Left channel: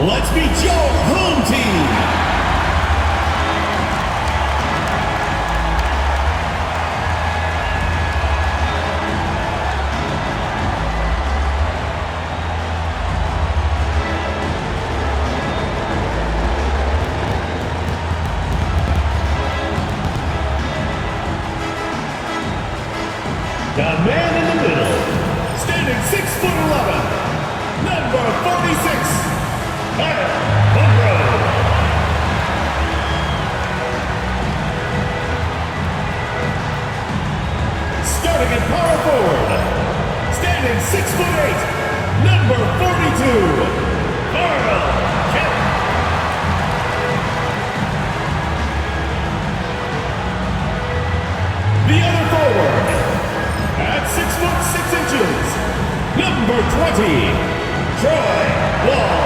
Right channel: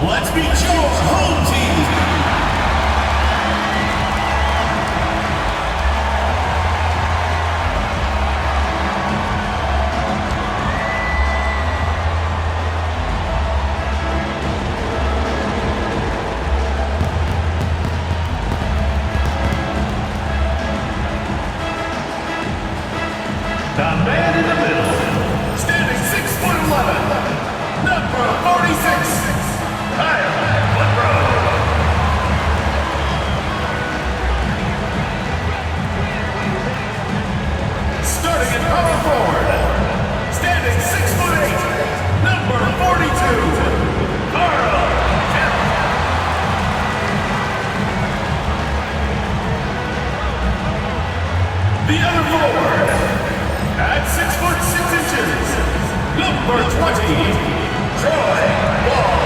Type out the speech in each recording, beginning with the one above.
Let's meet your home team. The man in the middle, standing 6'11", number 46. Starting at power forward, standing 6'8", number 42, Carl Kemp. The other forward, at 6'6", number 20, Troy Wall.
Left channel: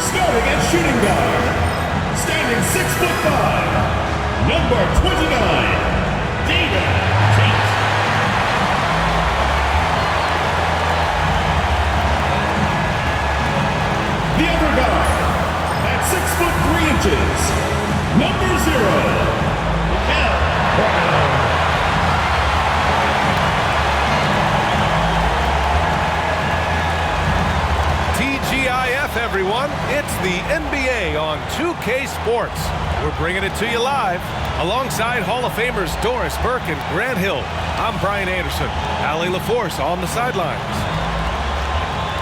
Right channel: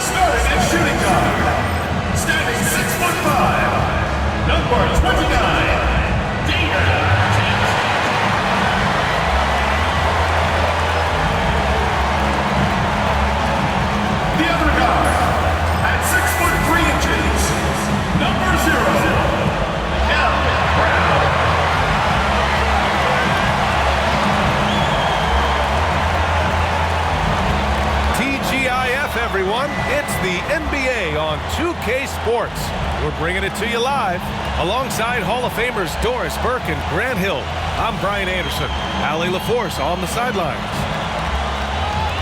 Starting at shooting guard, standing 6'5", number 29, Dana Tate. The other guard, at 6'3", number 0, Cal Brown. TGIF, everyone. It's the NBA on 2K Sports. We're bringing it to you live alongside Hall of Famers Doris Burke and Grant Hill. I'm Brian Anderson. Allie LaForce on the sidelines.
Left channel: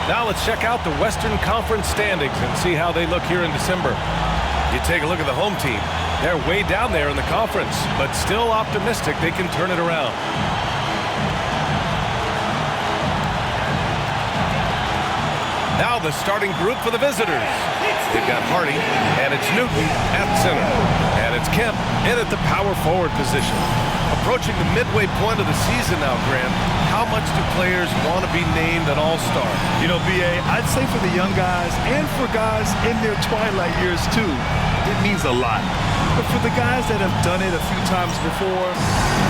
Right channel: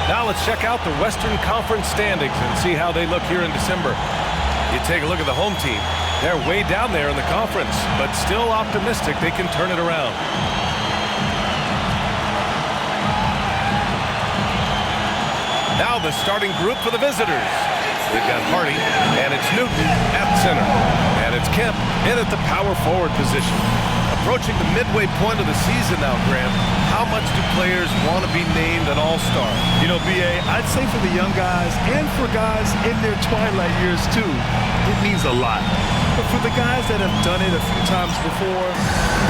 Now let's check out the Western Conference standings and see how they look here in December. You take a look at the home team. They're way down there in the conference, but still optimistic they can turn it around. Now the starting group for the visitors. They've got Hardy, and it's Newton at center. And it's Kemp in at the power forward position. Approaching the midway point of the season now, Grant, how much do players want to be named an all-star? You know, B.A., I'd say for the young guys and for guys in their twilight years too, it means a lot. But for the guys that have done it a few times before,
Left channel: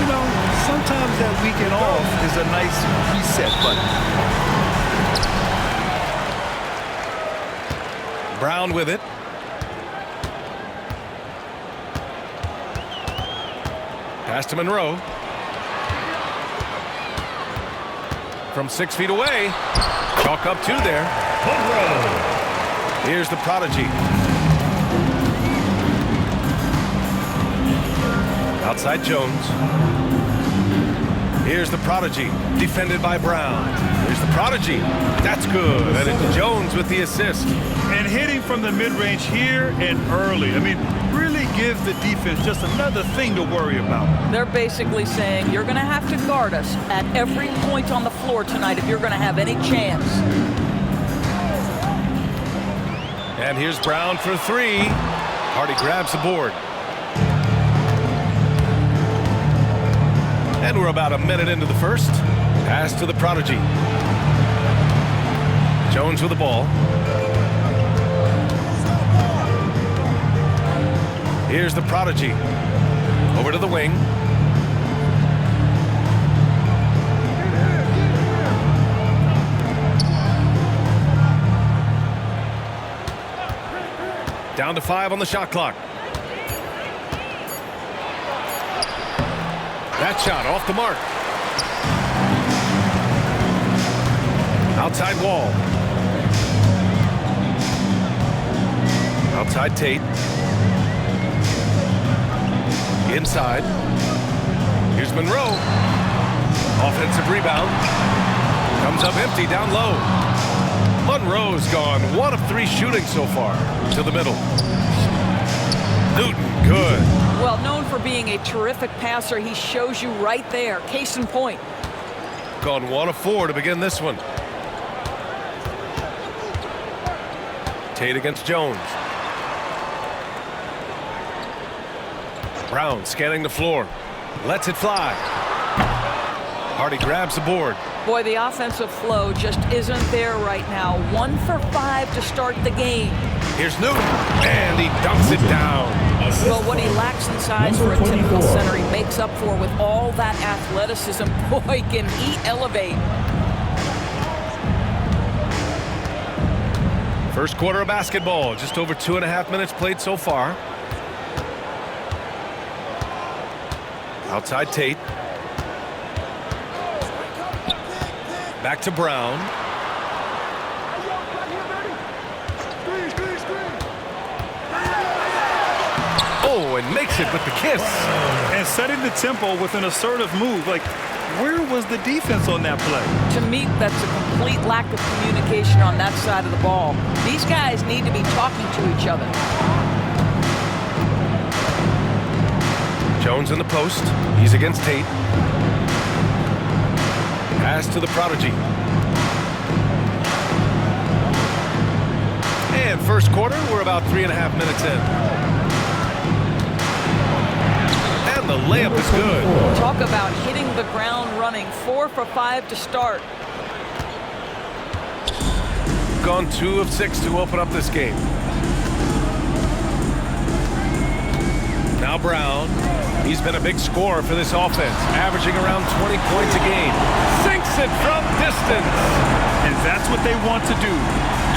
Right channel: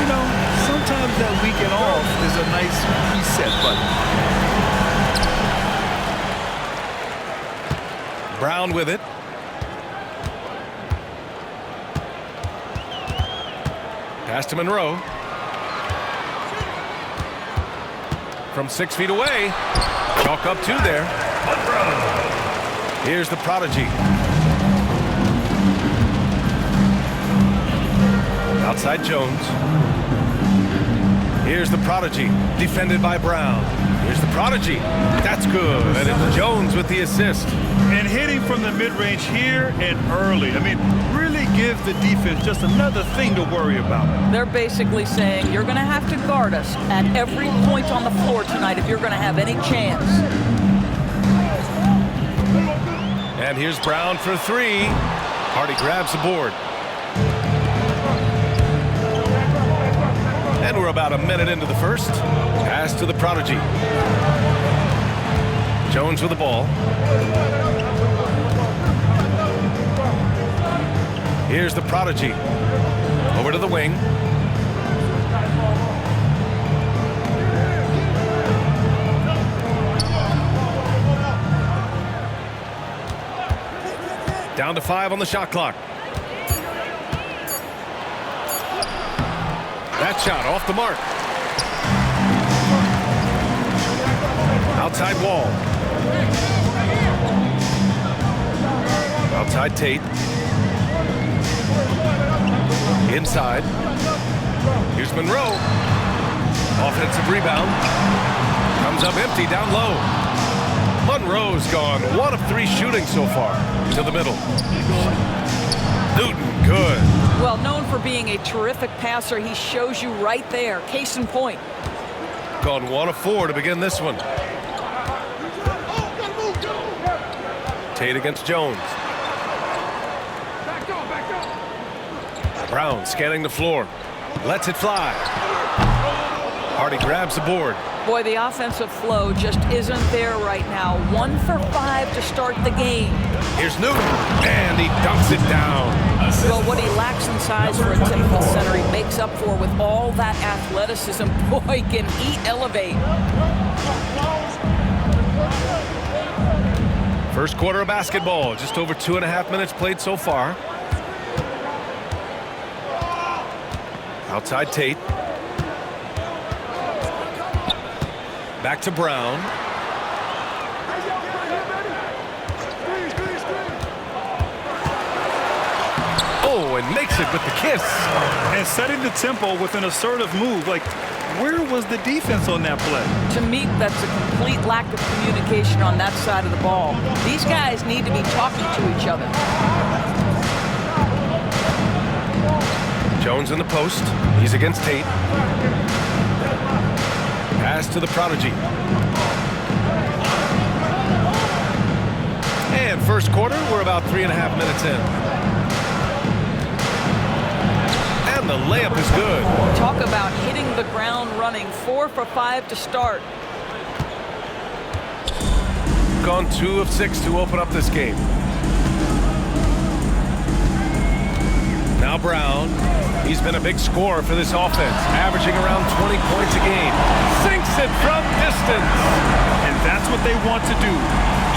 you know, sometimes that weekend off is a nice reset button. Brown with it. Pass to Monroe. From 6 feet away. Chalk up 2 there. Monroe. Here's the prodigy. Outside Jones. Here's the prodigy. Defended by Brown. Here's the prodigy. That's good. And it's Jones with the assist. And hitting from the mid-range here and early. I mean, really gives the defense just another thing to worry about. They're basically saying you're going to have to guard us at every point on the floor tonight if you're going to have any chance. And here's Brown for 3. Hardy grabs the board. And we're about a minute into the first. Pass to the prodigy. Jones with the ball. Here's the prodigy. Over to the wing. Down to 5 on the shot clock. That shot off the mark. Outside Wall. Outside Tate. Inside. Here's Monroe. Offensive rebound. Comes up empty down low. Monroe's gone 1 of 3 shooting so far. To the middle. Newton, good. Well, known for being a terrific passer, he shows you right there. Case in point. Gone 1 of 4 to begin this one. Tate against Jones. Brown scanning the floor. Lets it fly. Hardy grabs the board. Boy, the offensive flow just isn't there right now. 1 for 5 to start the game. Here's Newton, and he dunks it down. Well, what he lacks in size for a typical center, he makes up for with all that athleticism. Boy, can he elevate. First quarter of basketball, just over 2.5 minutes played so far. Outside Tate. Back to Brown. Oh, and makes it with the kiss. And setting the tempo with an assertive move. Like, where was the defense on that play? To me, that's a complete lack of communication on that side of the ball. These guys need to be talking to each other. Jones in the post. He's against Tate. Pass to the prodigy. And first quarter, we're about 3.5 minutes in. And the layup is good. Talk about hitting the ground running. 4 for 5 to start. Gone 2 of 6 to open up this game. Now Brown. He's been a big scorer for this offense, averaging around 20 points a game. Sinks it from distance. And that's what they want to do.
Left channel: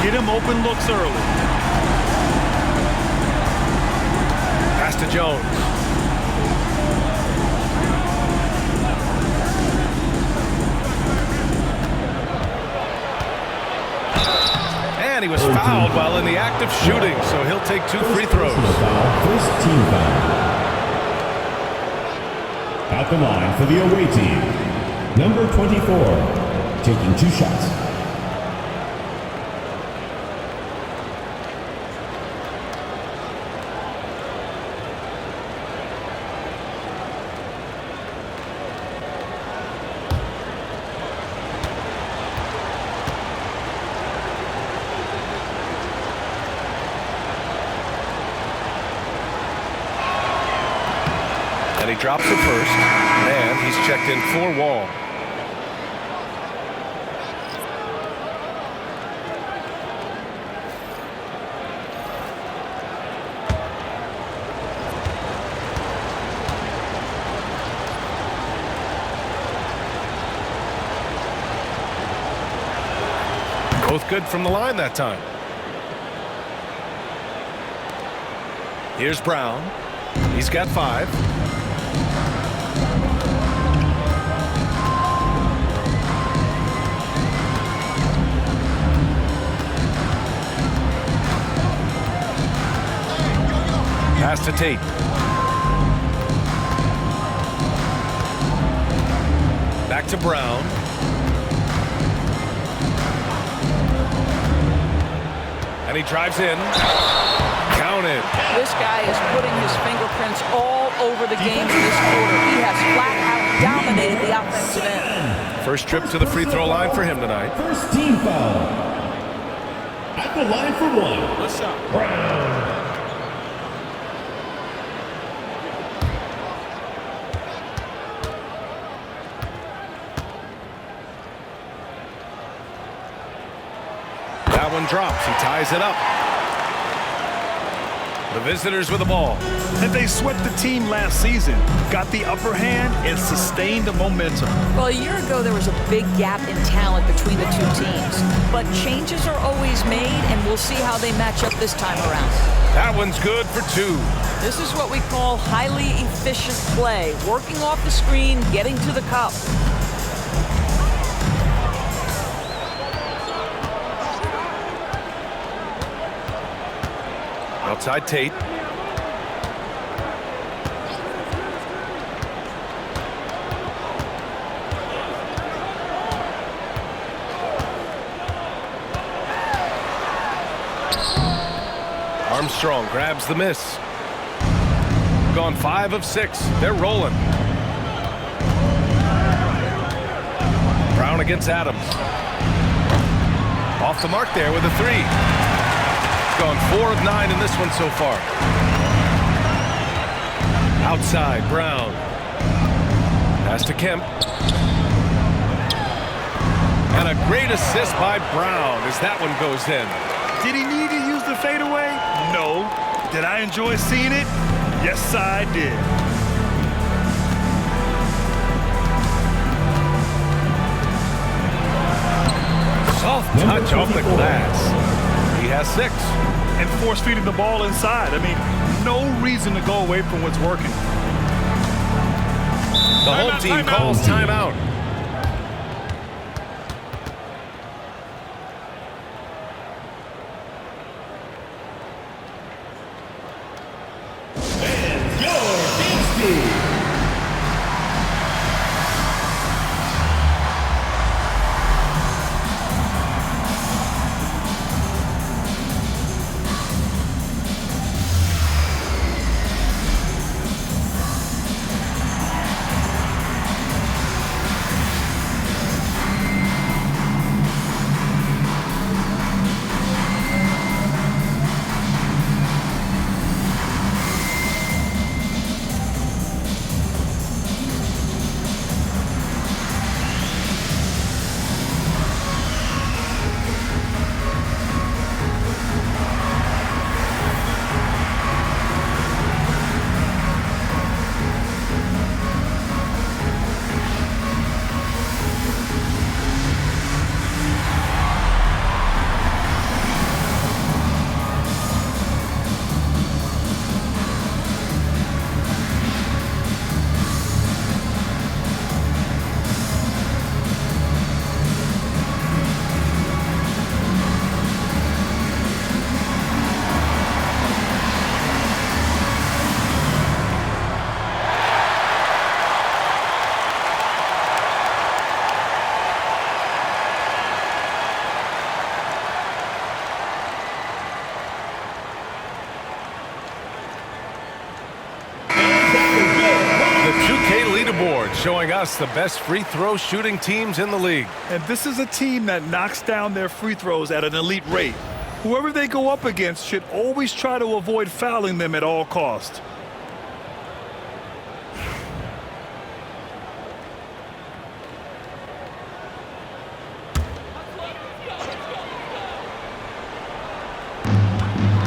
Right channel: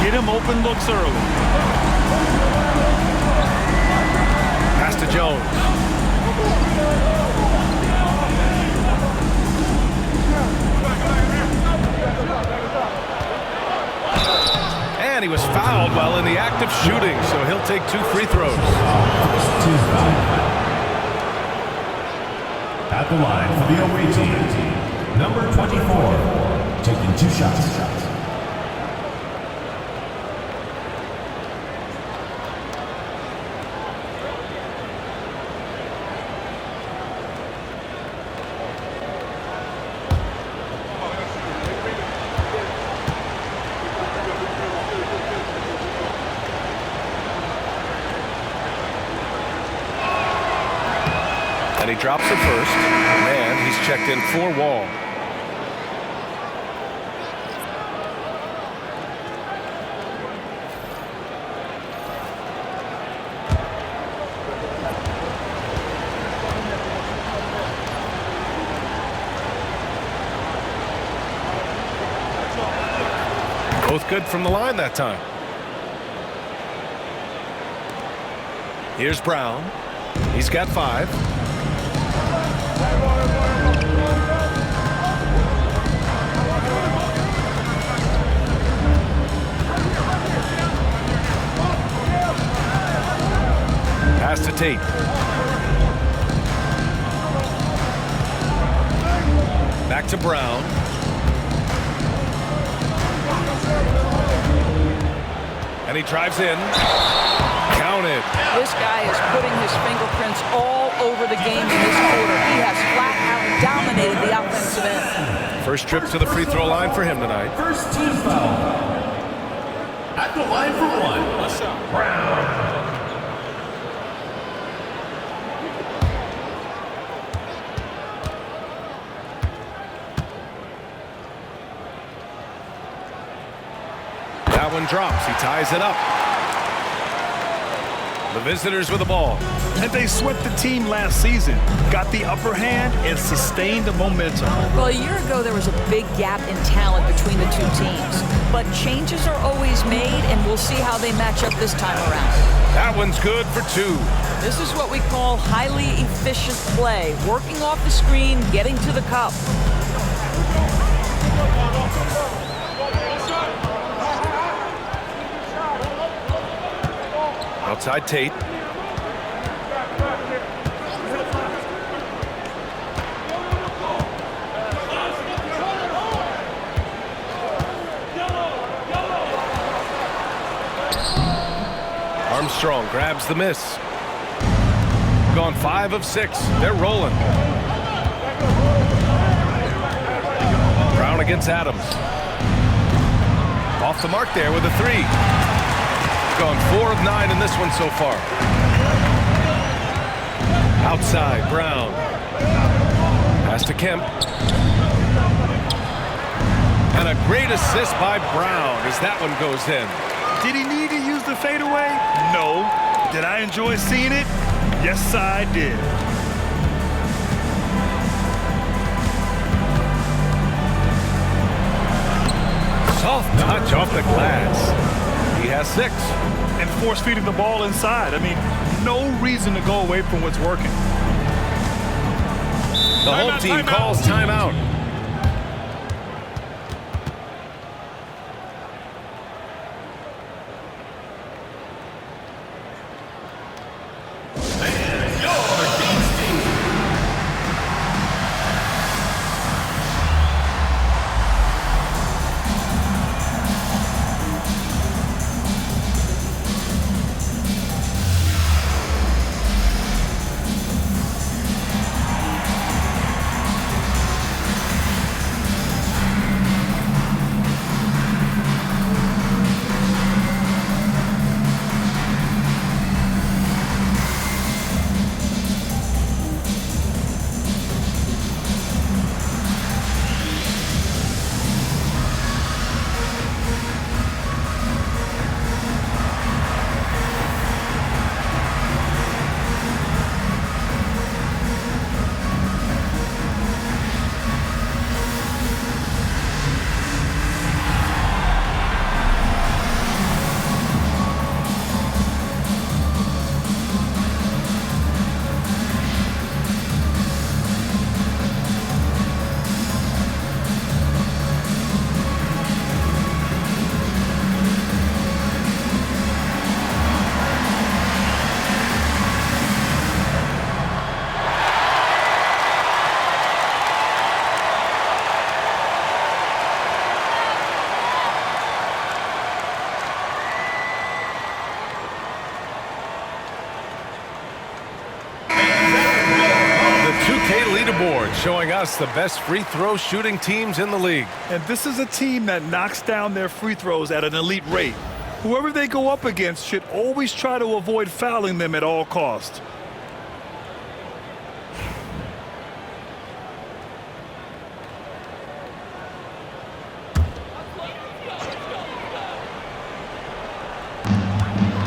Get him open looks early. Pass to Jones. And he was fouled while in the act of shooting, so he'll take 2 free throws. First team foul. At the line for the away team, number 24, taking 2 shots. And he drops the first, and he's checked in for Wall. Both good from the line that time. Here's Brown. He's got 5. Pass to Tate. Back to Brown. And he drives in. Counted. This guy is putting his fingerprints all over the game in this quarter. He has flat out dominated the offensive end. First trip to the free throw line for him tonight. First team foul. At the line for 1. What's up? Brown. That one drops. He ties it up. The visitors with the ball. And they swept the team last season, got the upper hand, and sustained the momentum. Well, a year ago, there was a big gap in talent between the 2 teams. But changes are always made, and we'll see how they match up this time around. That one's good for 2. This is what we call highly efficient play. Working off the screen, getting to the cup. Outside Tate. Armstrong grabs the miss. Gone 5 of 6. They're rolling. Brown against Adams. Off the mark there with a 3. Gone 4 of 9 in this one so far. Outside, Brown. Pass to Kemp. And a great assist by Brown as that one goes in. Did he need to use the the fadeaway? No. Did I enjoy seeing it? Yes, I did. Soft touch off the glass. He has 6. And force-feeding the ball inside. I mean, no reason to go away from what's working. The home team calls timeout. Leaderboard showing us the best free throw shooting teams in the league. And this is a team that knocks down their free throws at an elite rate. Whoever they go up against should always try to avoid fouling them at all costs.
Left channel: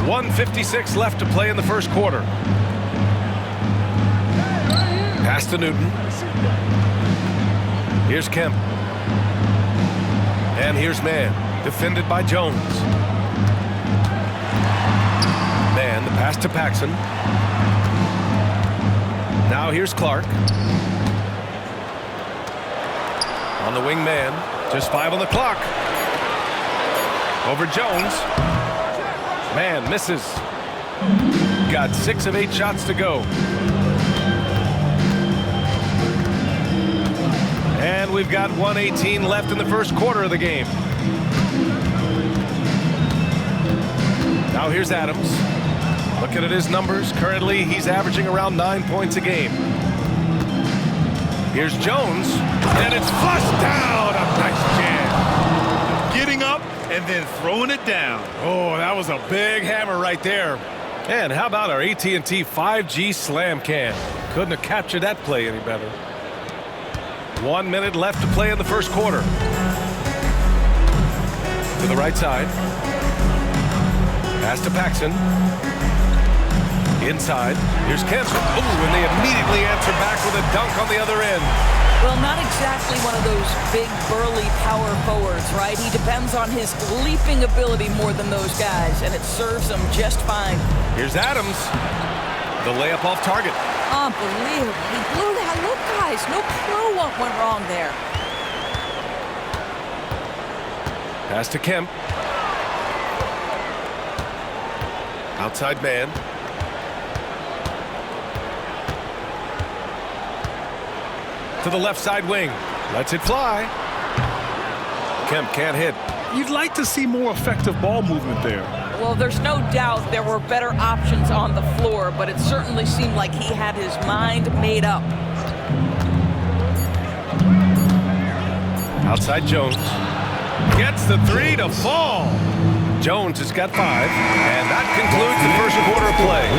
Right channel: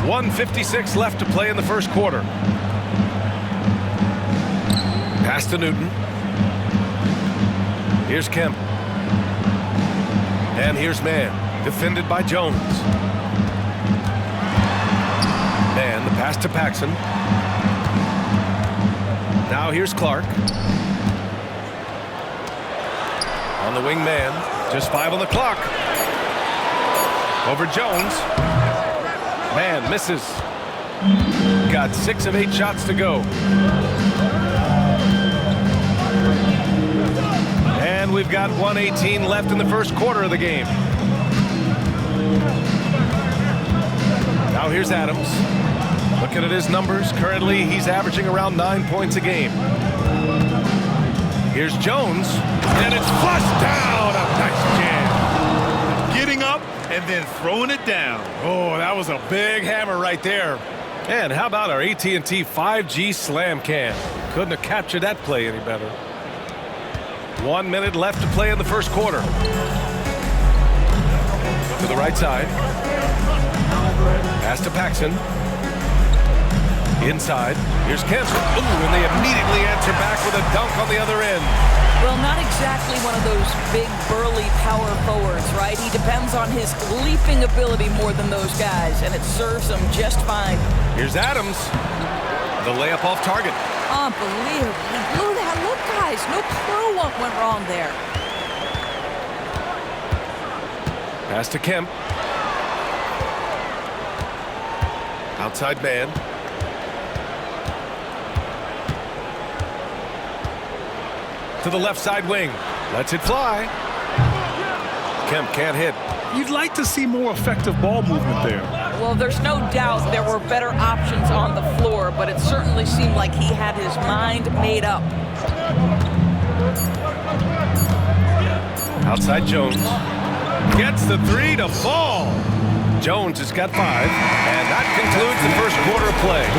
.156 left to play in the first quarter. Pass to Newton. Here's Kemp. And here's Mann, defended by Jones. Mann, the pass to Paxson. Now here's Clark. On the wing, Mann. Just 5 on the clock. Over Jones. Mann misses. Got 6 of 8 shots to go. And we've got 1:18 left in the first quarter of the game. Now here's Adams. Looking at his numbers, currently he's averaging around 9 points a game. Here's Jones, and it's flushed down. A nice jam. Getting up and then throwing it down. Oh, that was a big hammer right there. And how about our AT&T 5G Slam Cam? Couldn't have captured that play any better. 1 minute left to play in the first quarter. To the right side. Pass to Paxson. Inside. Here's Kemp. Ooh, and they immediately answer back with a dunk on the other end. Well, not exactly one of those big, burly power forwards, right? He depends on his leaping ability more than those guys, and it serves him just fine. Here's Adams. The layup off target. Unbelievable. He blew that. Look, guys, no clue what went wrong there. Pass to Kemp. Outside man. To the left side wing. Lets it fly. Kemp can't hit. You'd like to see more effective ball movement there. Well, there's no doubt there were better options on the floor, but it certainly seemed like he had his mind made up. Outside Jones. Gets the 3 to fall. Jones has got 5, and that concludes the first quarter of play.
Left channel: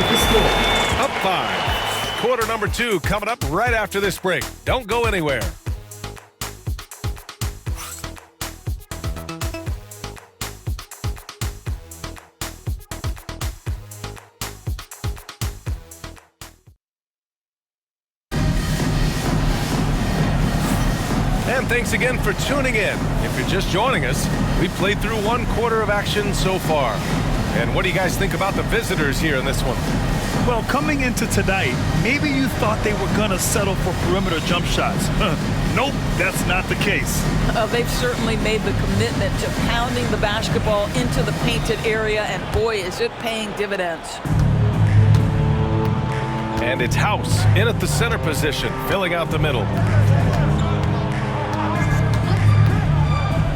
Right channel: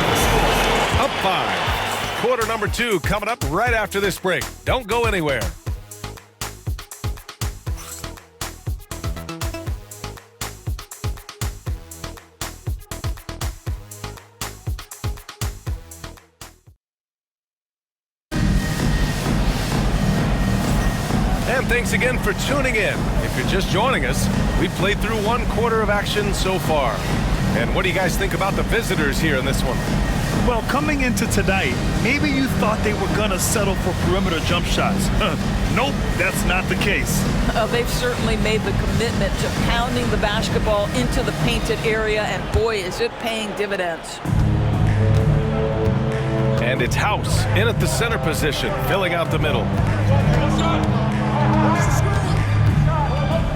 Up 5. Quarter number 2 coming up right after this break. Don't go anywhere. And thanks again for tuning in. If you're just joining us, we've played through 1 quarter of action so far. And what do you guys think about the visitors here in this one? Well, coming into tonight, maybe you thought they were going to settle for perimeter jump shots. Nope, that's not the case. They've certainly made the commitment to pounding the basketball into the painted area, and boy, is it paying dividends. And it's House in at the center position, filling out the middle.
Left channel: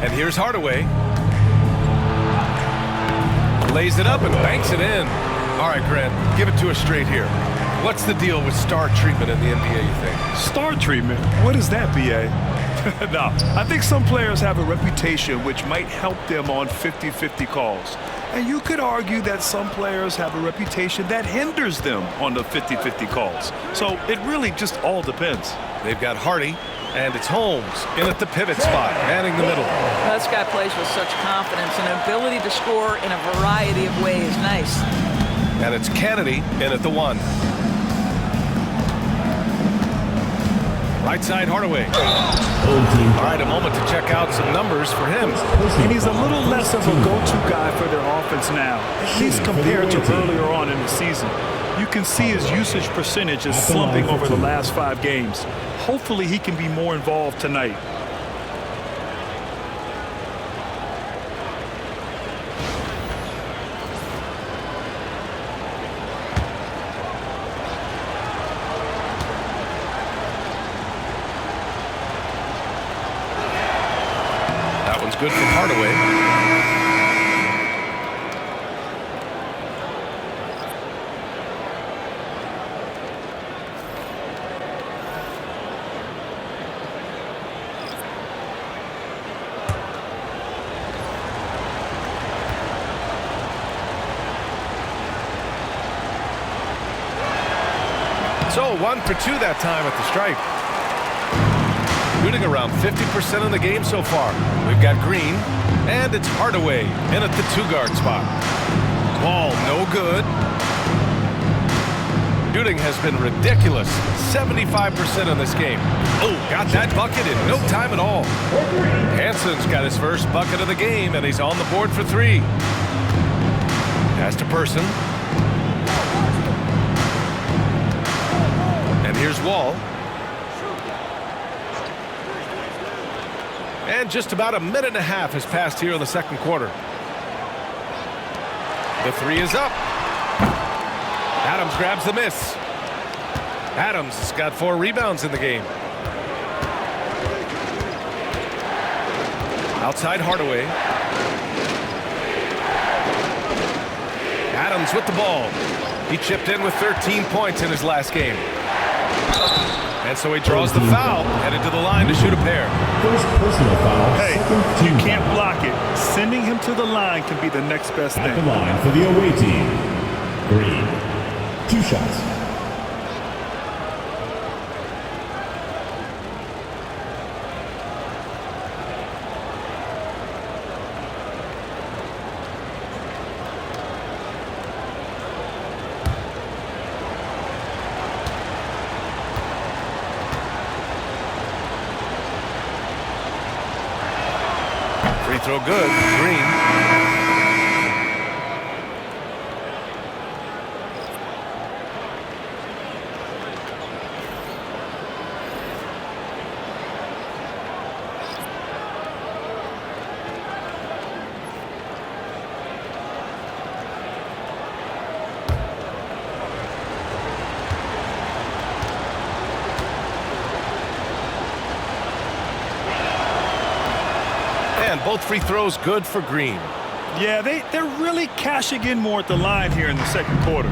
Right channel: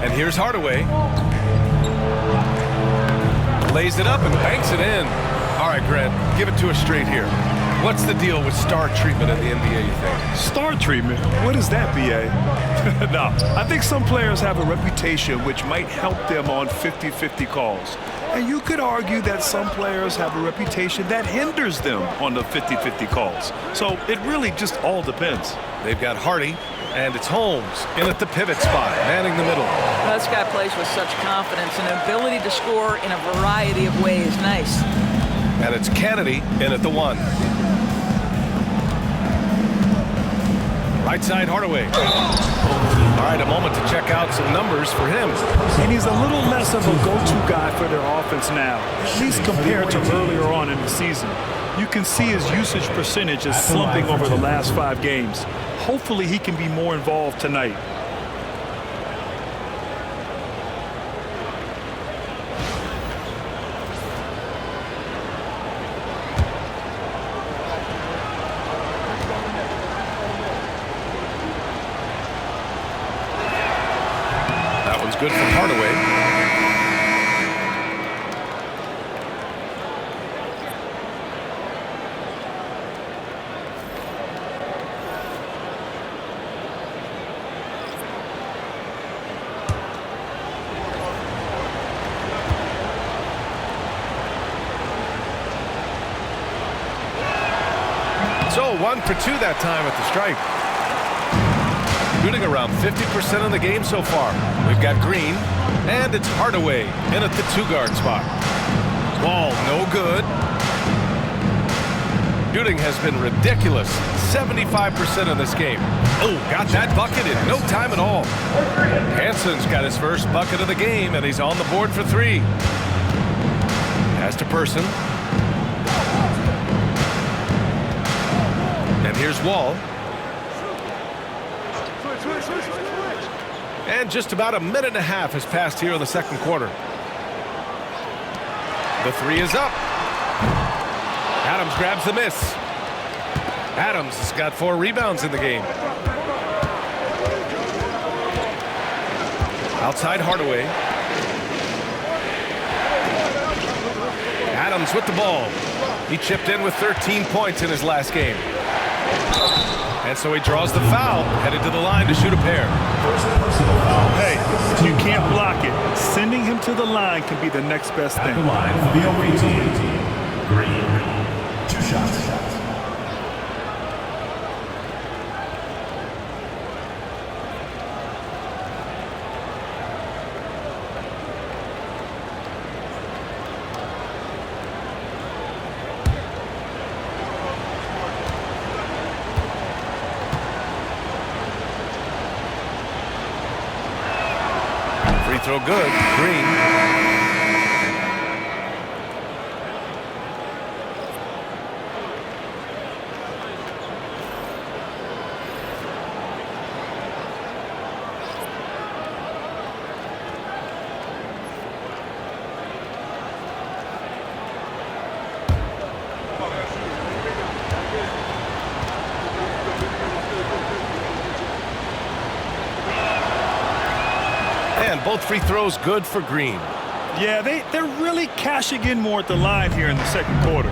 And here's Hardaway. Lays it up and banks it in. All right, Grant, give it to us straight here. What's the deal with star treatment in the NBA, you think? Star treatment? What is that, B.A.? No, I think some players have a reputation which might help them on 50-50 calls. And you could argue that some players have a reputation that hinders them on the 50-50 calls. So it really just all depends. They've got Hardy, and it's Holmes in at the pivot spot, manning the middle. Well, this guy plays with such confidence and an ability to score in a variety of ways. Nice. And it's Kennedy in at the 1. Right side, Hardaway. All right, a moment to check out some numbers for him. And he's a little less of a go-to guy for their offense now, at least compared to earlier on in the season. You can see his usage percentage is slumping over the last 5 games. Hopefully he can be more involved tonight. That one's good from Hardaway. So 1 for 2 that time at the stripe. Shooting around 50% in the game so far. We've got Green, and it's Hardaway in at the 2-guard spot. Ball no good. Shooting has been ridiculous. 75% in this game. Oh, got that bucket in no time at all. Hanson's got his first bucket of the game, and he's on the board for 3. Pass to Person. And here's Wall. And just about a minute and a half has passed here in the second quarter. The 3 is up. Adams grabs the miss. Adams has got 4 rebounds in the game. Outside Hardaway. Adams with the ball. He chipped in with 13 points in his last game. And so he draws the foul, headed to the line to shoot a pair. First personal foul. Hey, you can't block it. Sending him to the line can be the next best At the thing. line for the away team. Green. 2 shots. Free throw good. Green. And both free throws good for Green. Yeah, they're really cashing in more at the line here in the second quarter.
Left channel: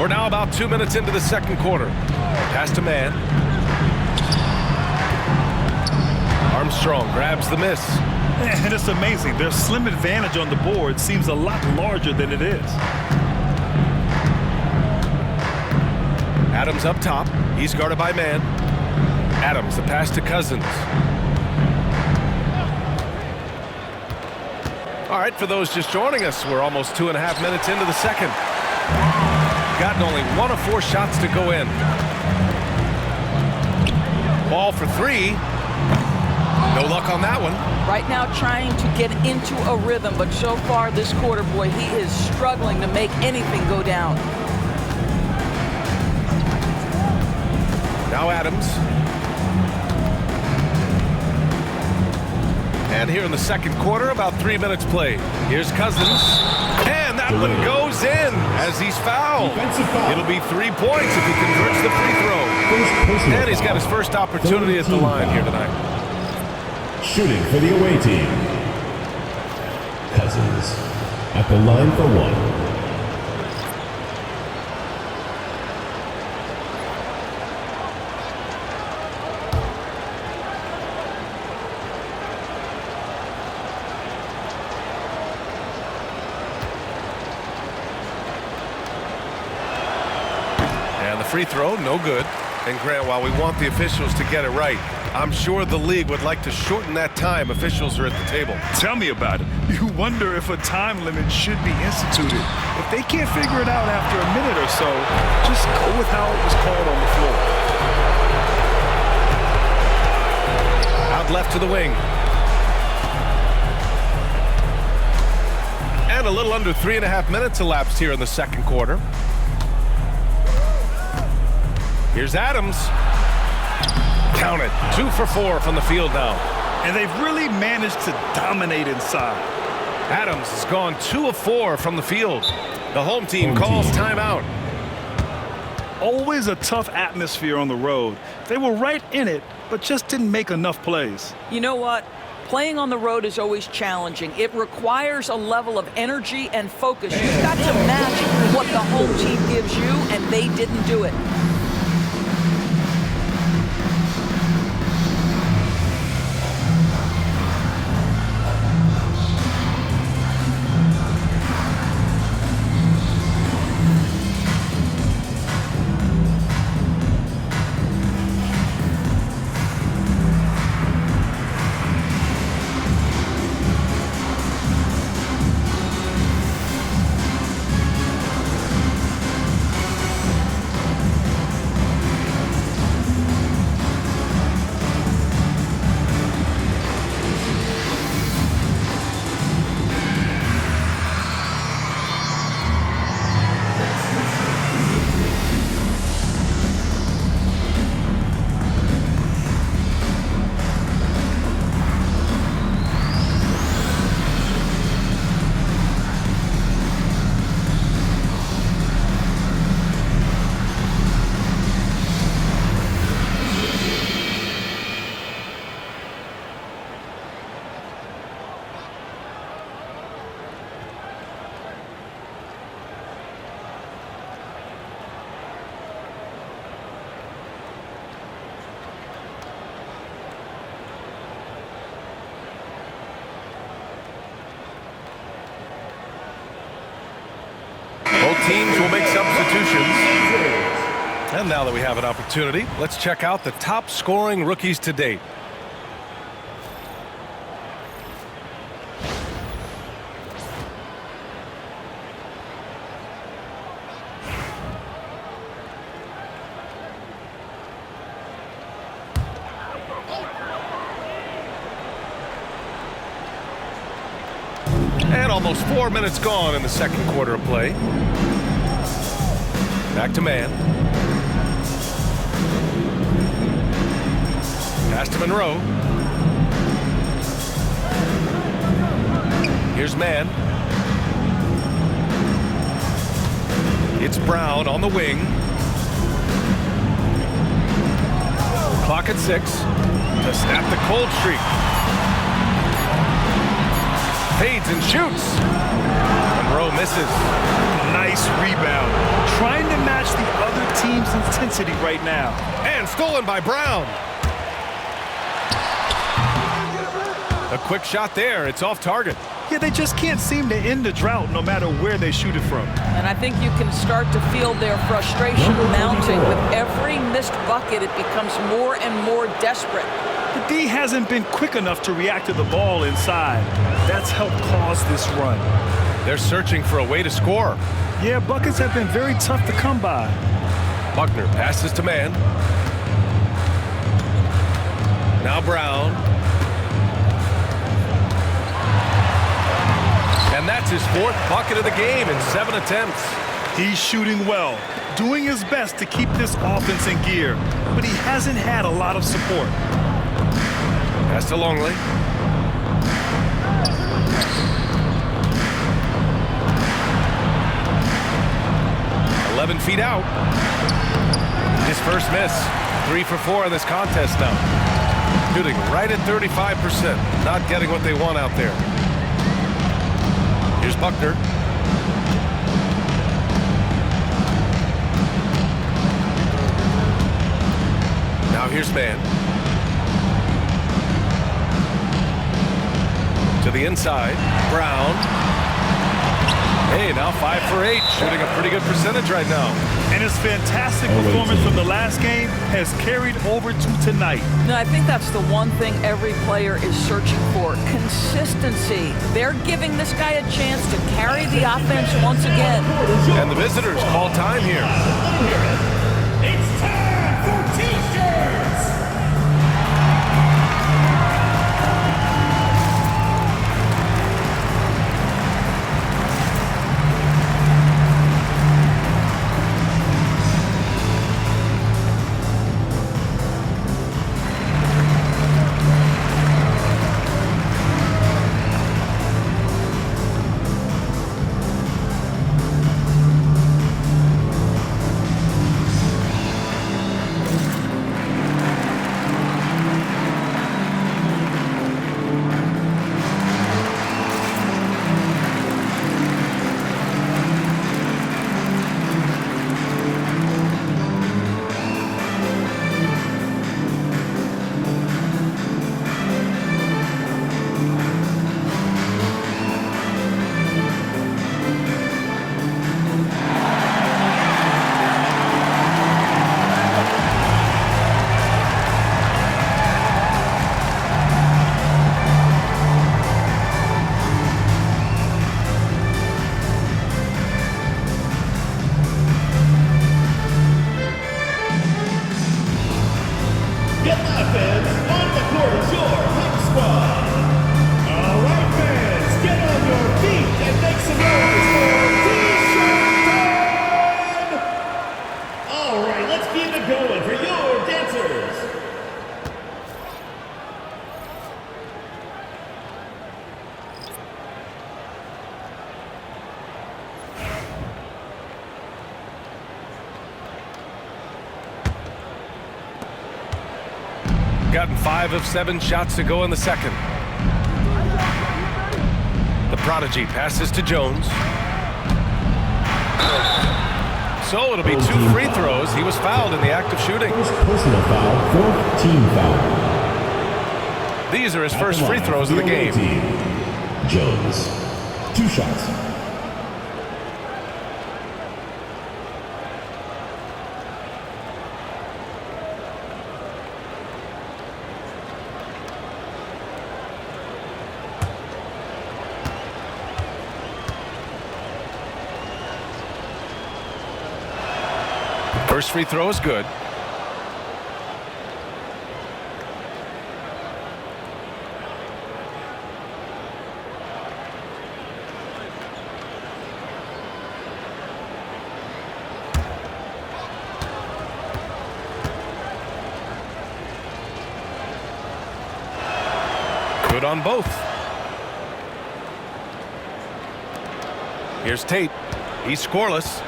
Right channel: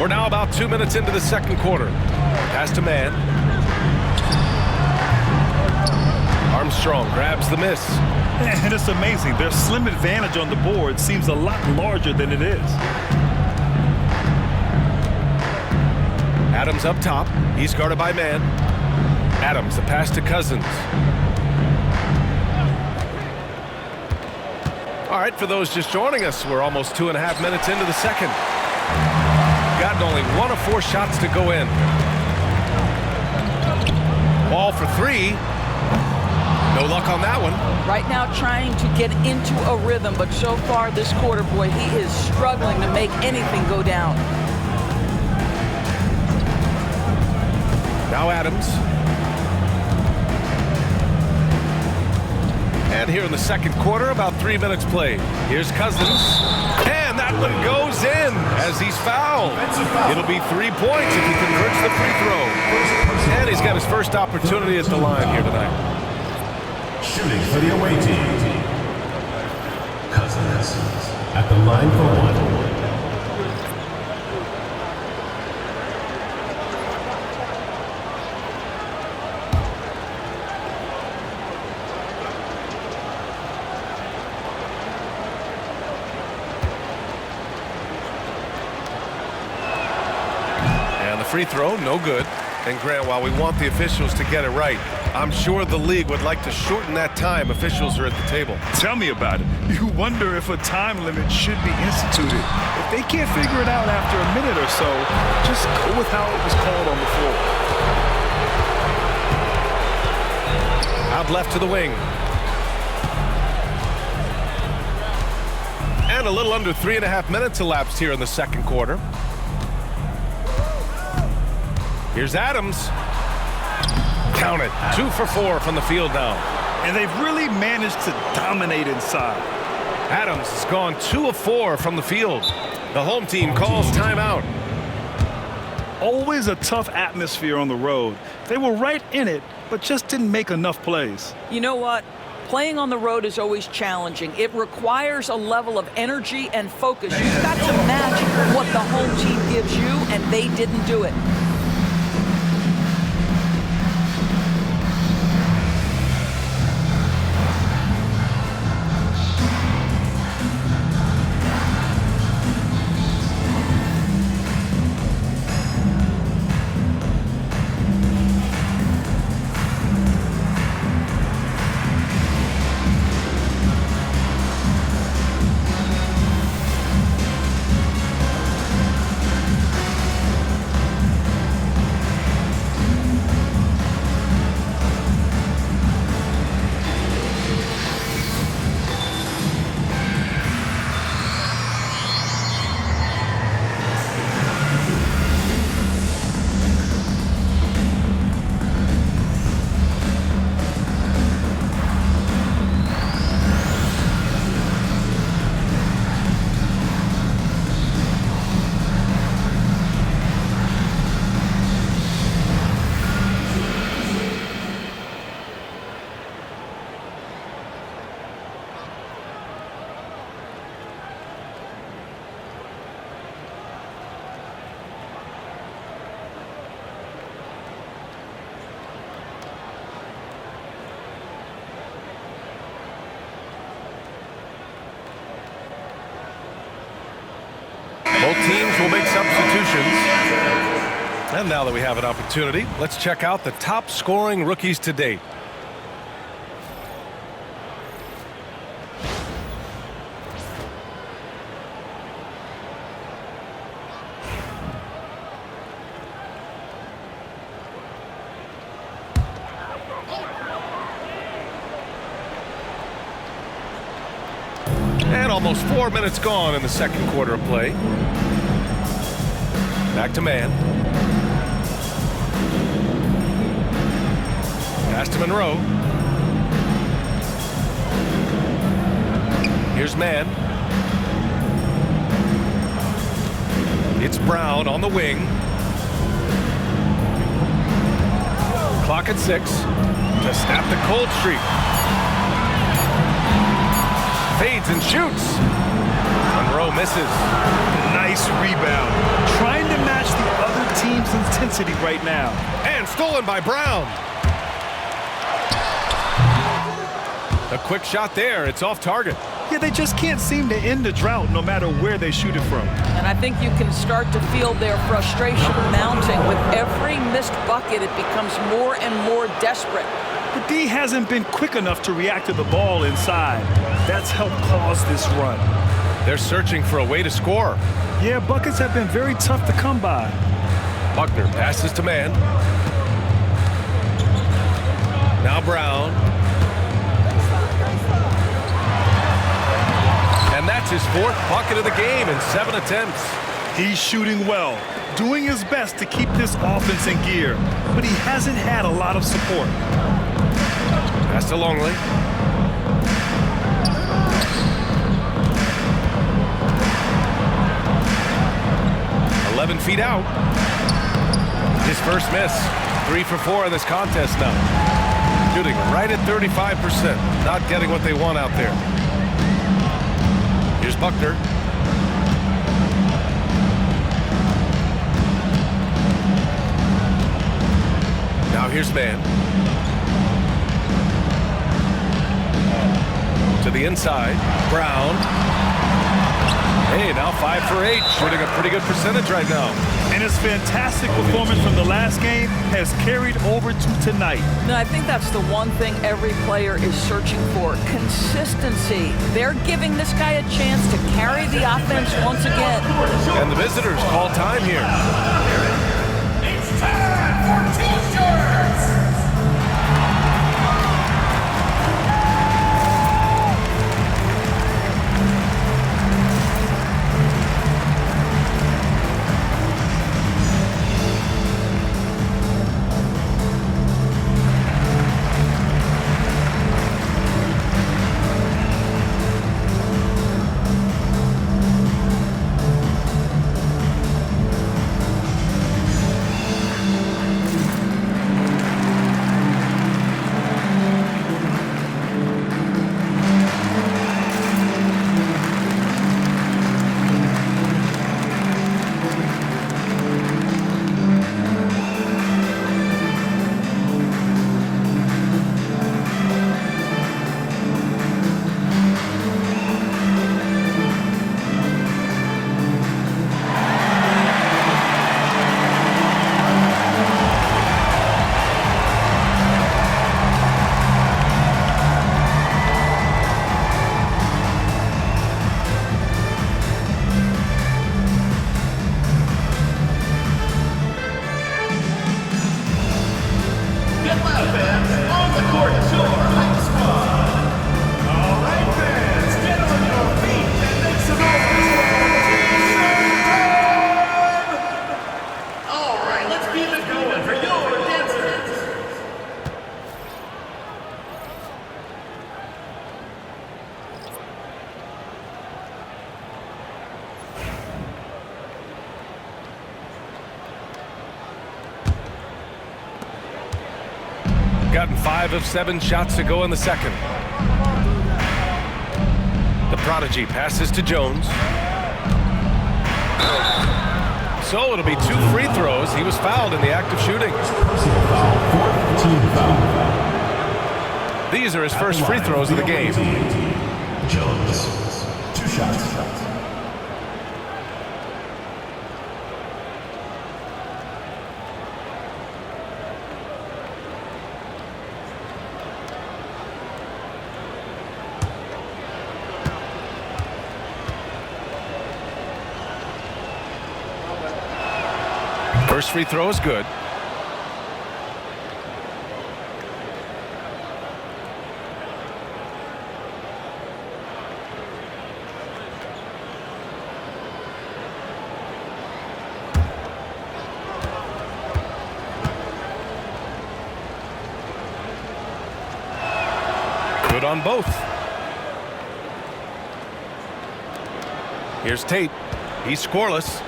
We're now about 2 minutes into the second quarter. Pass to Man. Armstrong grabs the miss. And it's amazing. Their slim advantage on the board seems a lot larger than it is. Adams up top. He's guarded by Man. Adams, the pass to Cousins. All right, for those just joining us, we're almost 2.5 minutes into the second. Gotten only 1 of 4 shots to go in. Ball for three. No luck on that one. Right now trying to get into a rhythm, but so far this quarter, boy, he is struggling to make anything go down. Now Adams. And here in the second quarter, about 3 minutes played. Here's Cousins. And that one goes in as he's fouled. It'll be 3 points if he converts the free throw. And he's got his first opportunity at the line here tonight. Shooting for the away team. Cousins at the line for one. And the free throw, no good. And Grant, while we want the officials to get it right, I'm sure the league would like to shorten that time officials are at the table. Tell me about it. You wonder if a time limit should be instituted. If they can't figure it out after a minute or so, just go with how it was called on the floor. Out left to the wing. And a little under 3.5 minutes elapsed here in the second quarter. Here's Adams. Count it. 2 for 4 from the field now. And they've really managed to dominate inside. Adams has gone 2 of 4 from the field. The home team calls timeout. Always a tough atmosphere on the road. They were right in it, but just didn't make enough plays. You know what? Playing on the road is always challenging. It requires a level of energy and focus. You've got to match what the home team gives you, and they didn't do it. Both teams will make substitutions. And now that we have an opportunity, let's check out the top scoring rookies to date. And almost 4 minutes gone in the second quarter of play. Back to man. Pass to Monroe. Here's man. It's Brown on the wing. Clock at 6 to snap the cold streak. Fades and shoots. Monroe misses. Nice rebound. Trying to match the other team's intensity right now. And stolen by Brown. A quick shot there. It's off target. Yeah, they just can't seem to end the drought no matter where they shoot it from. And I think you can start to feel their frustration mounting. With every missed bucket, it becomes more and more desperate. The D hasn't been quick enough to react to the ball inside. That's helped cause this run. They're searching for a way to score. Yeah, buckets have been very tough to come by. Buckner passes to man. Now Brown. And that's his 4th bucket of the game in 7 attempts. He's shooting well, doing his best to keep this offense in gear, but he hasn't had a lot of support. Pass to Longley. Feet out. His first miss. 3 for 4 in this contest now. Shooting right at 35%. Not getting what they want out there. Here's Buckner. Now here's Mann. To the inside. Brown. Hey, now 5 for 8, shooting a pretty good percentage right now. And his fantastic performance from the last game has carried over to tonight. No, I think that's the one thing every player is searching for, consistency. They're giving this guy a chance to carry the offense once again. And the visitors call time here. It's time for T-shirts! Gotten 5 of 7 shots to go in the second. The prodigy passes to Jones. So it'll be 2 free throws. He was fouled in the act of shooting. Personal foul, 4th team foul. These are his first free throws of the game. Jones, 2 shots. First free throw is good. Good on both. Here's Tate. He's scoreless.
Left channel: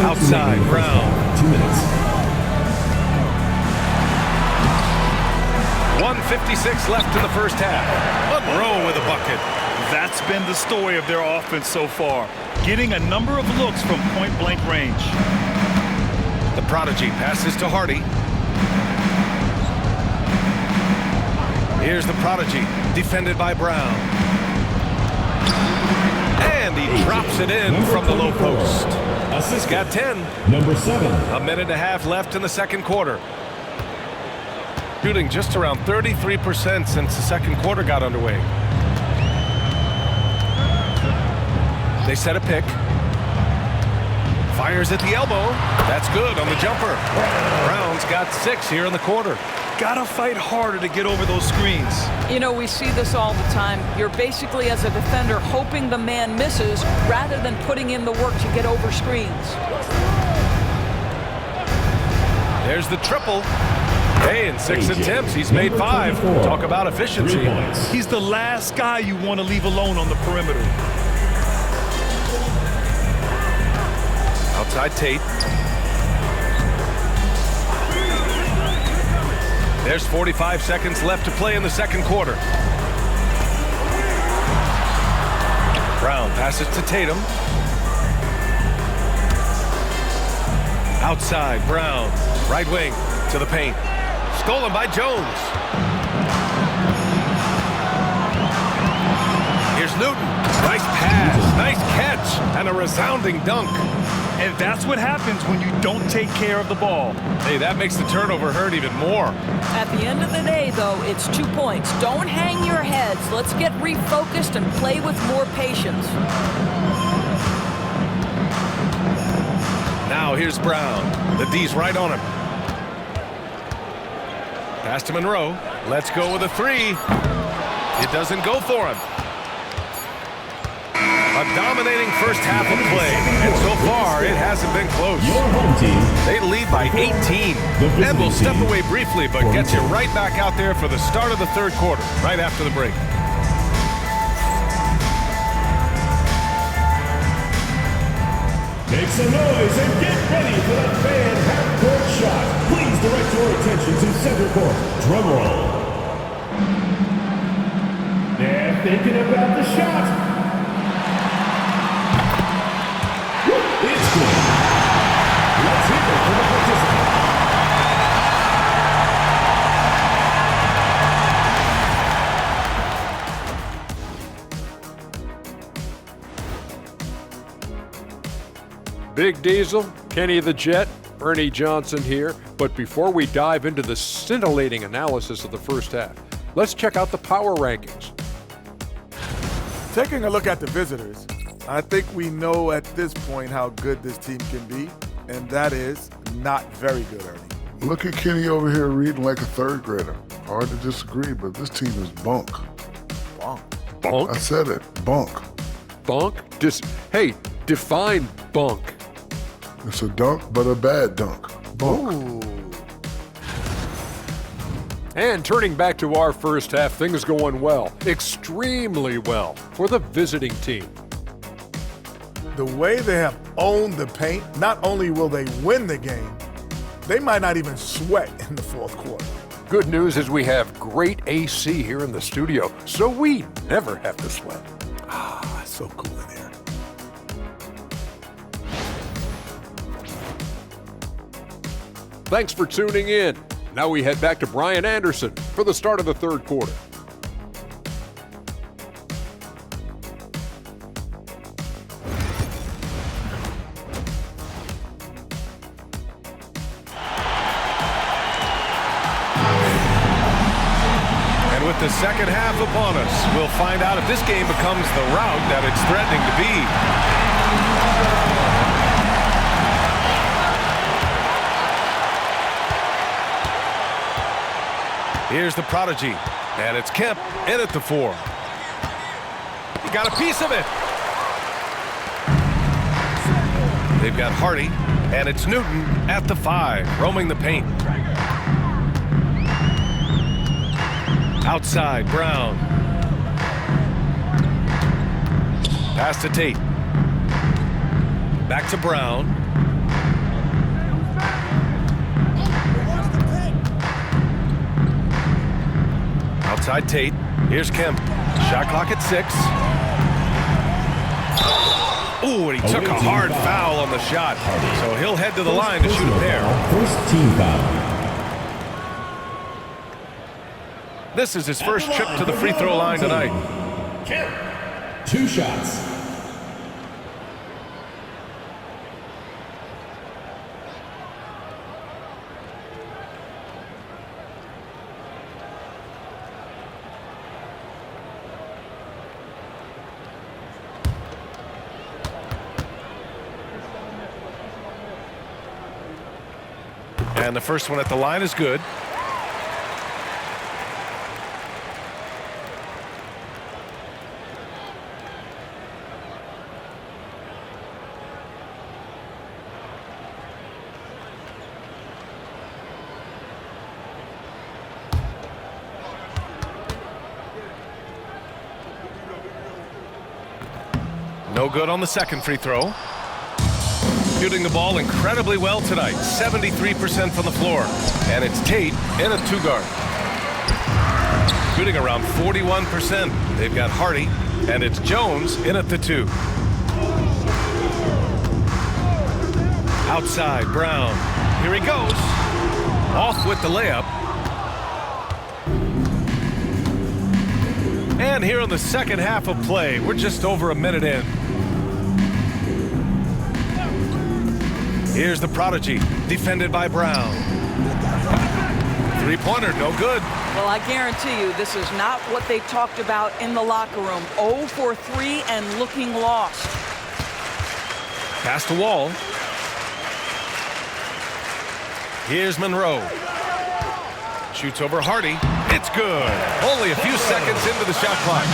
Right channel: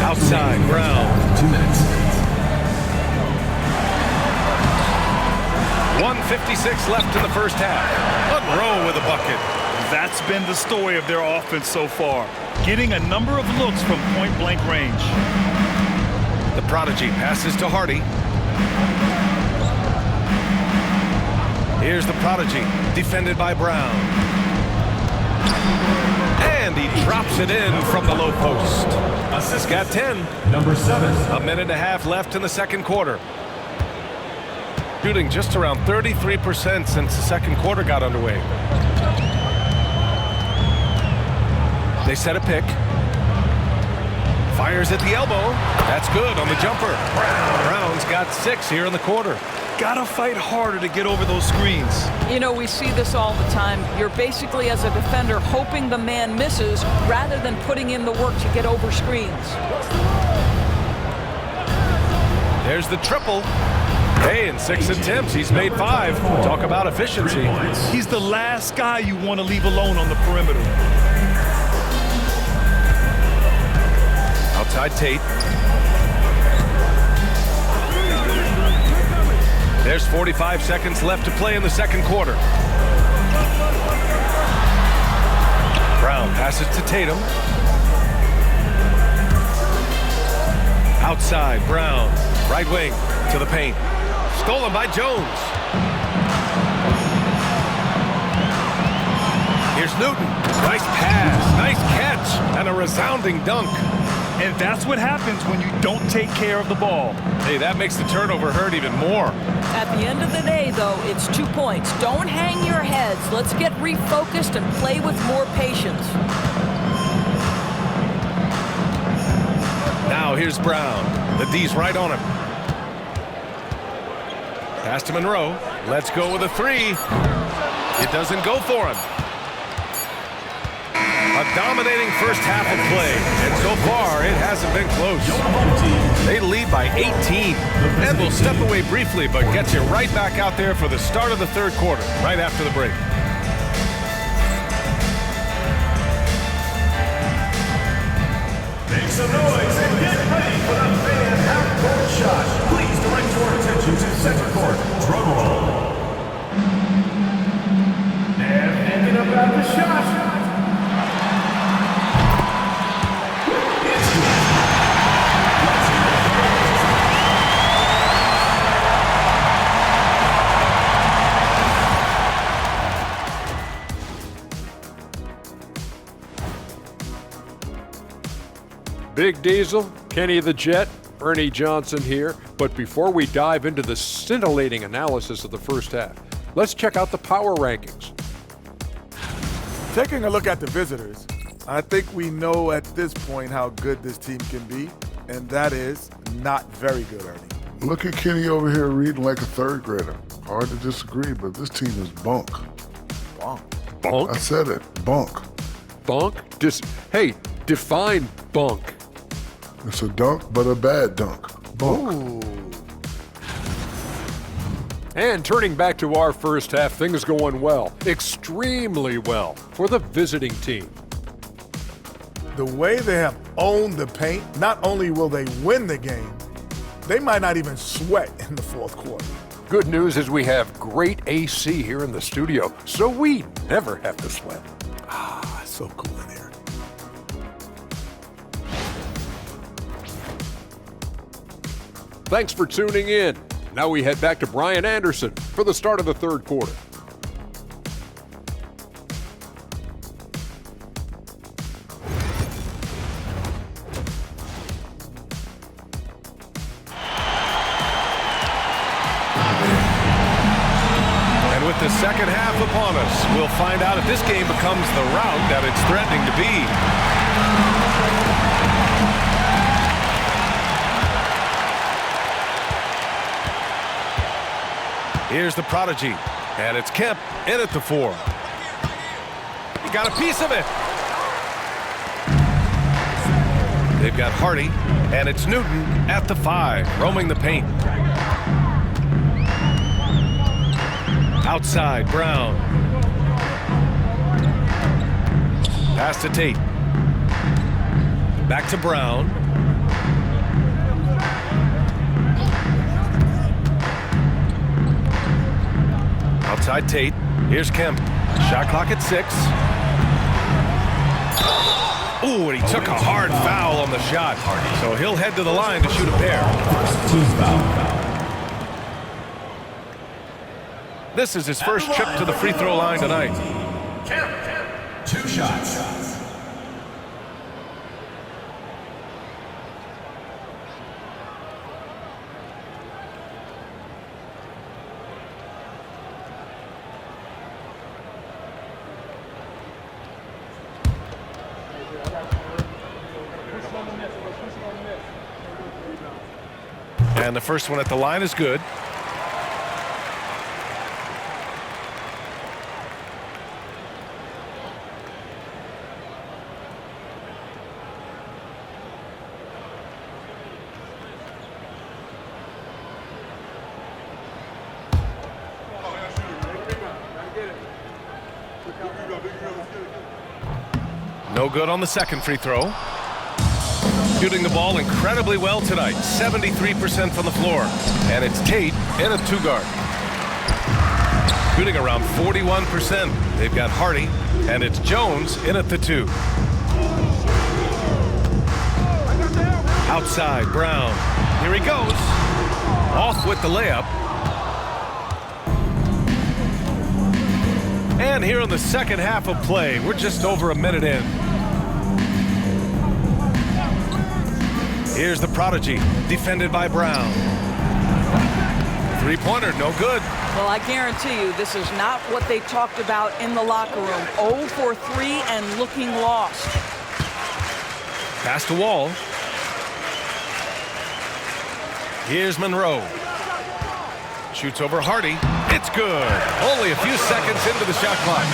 Outside, Brown. 2 minutes. 1:56 left in the first half. Monroe with a bucket. That's been the story of their offense so far, getting a number of looks from point-blank range. The prodigy passes to Hardy. Here's the prodigy, defended by Brown. And he drops it in from the low post. He's got 10. Number 7. A minute and a half left in the second quarter. Shooting just around 33% since the second quarter got underway. They set a pick. Fires at the elbow. That's good on the jumper. Brown's got 6 here in the quarter. Gotta fight harder to get over those screens. You know, we see this all the time. You're basically, as a defender, hoping the man misses rather than putting in the work to get over screens. There's the triple. Hey, in 6 attempts, he's made 5. Talk about efficiency. He's the last guy you want to leave alone on the perimeter. Outside Tate. There's 45 seconds left to play in the second quarter. Brown passes to Tatum. Outside, Brown. Right wing to the paint. Stolen by Jones. Here's Newton. Nice pass, nice catch, and a resounding dunk. And that's what happens when you don't take care of the ball. Hey, that makes the turnover hurt even more. At the end of the day, though, it's 2 points. Don't hang your heads. Let's get refocused and play with more patience. Now here's Brown. The D's right on him. Pass to Monroe. Let's go with a 3. It doesn't go for him. A dominating first half of play, and so far it hasn't been close. Your home team. They lead by 18, and we'll step away briefly, but get you right back out there for the start of the third quarter, right after the break. Make some noise and get ready for the fan half-court shot. Please direct your attention to center court. Drum roll. They're thinking about the shot. It's good. Let's hear it from the participant. Big Diesel, Kenny the Jet, Ernie Johnson here. But before we dive into the scintillating analysis of the first half, let's check out the power rankings. Taking a look at the visitors, I think we know at this point how good this team can be, and that is not very good, Ernie. Look at Kenny over here reading like a third grader. Hard to disagree, but this team is bunk. Bunk. Bunk? I said it, bunk. Bunk? Hey, define bunk. It's a dunk, but a bad dunk. Bunk. Ooh. And turning back to our first half, things going well, extremely well for the visiting team. The way they have owned the paint, not only will they win the game, they might not even sweat in the fourth quarter. Good news is we have great AC here in the studio, so we never have to sweat. Ah, it's so cool in here. Thanks for tuning in. Now we head back to Brian Anderson for the start of the third quarter. And with the second half upon us, we'll find out if this game becomes the rout that it's threatening to be. Here's the prodigy, and it's Kemp in at the 4. He got a piece of it. They've got Hardy, and it's Newton at the 5, roaming the paint. Outside, Brown. Pass to Tate. Back to Brown. Outside Tate. Here's Kemp. Shot clock at 6. Ooh, and he took a hard foul on the shot. So he'll head to the line to shoot a pair. First team foul. This is his first trip to the free throw line tonight. Kemp, 2 shots. And the first one at the line is good. No good on the second free throw. Shooting the ball incredibly well tonight, 73% from the floor. And it's Tate in a 2-guard. Shooting around 41%. They've got Hardy, and it's Jones in at the 2. Outside, Brown. Here he goes. Off with the layup. And here in the second half of play, we're just over a minute in. Here's the prodigy, defended by Brown. Three-pointer, no good. Well, I guarantee you this is not what they talked about in the locker room. 0 for 3 and looking lost. Pass to Wall. Here's Monroe. Shoots over Hardy. It's good. Only a few seconds into the shot clock.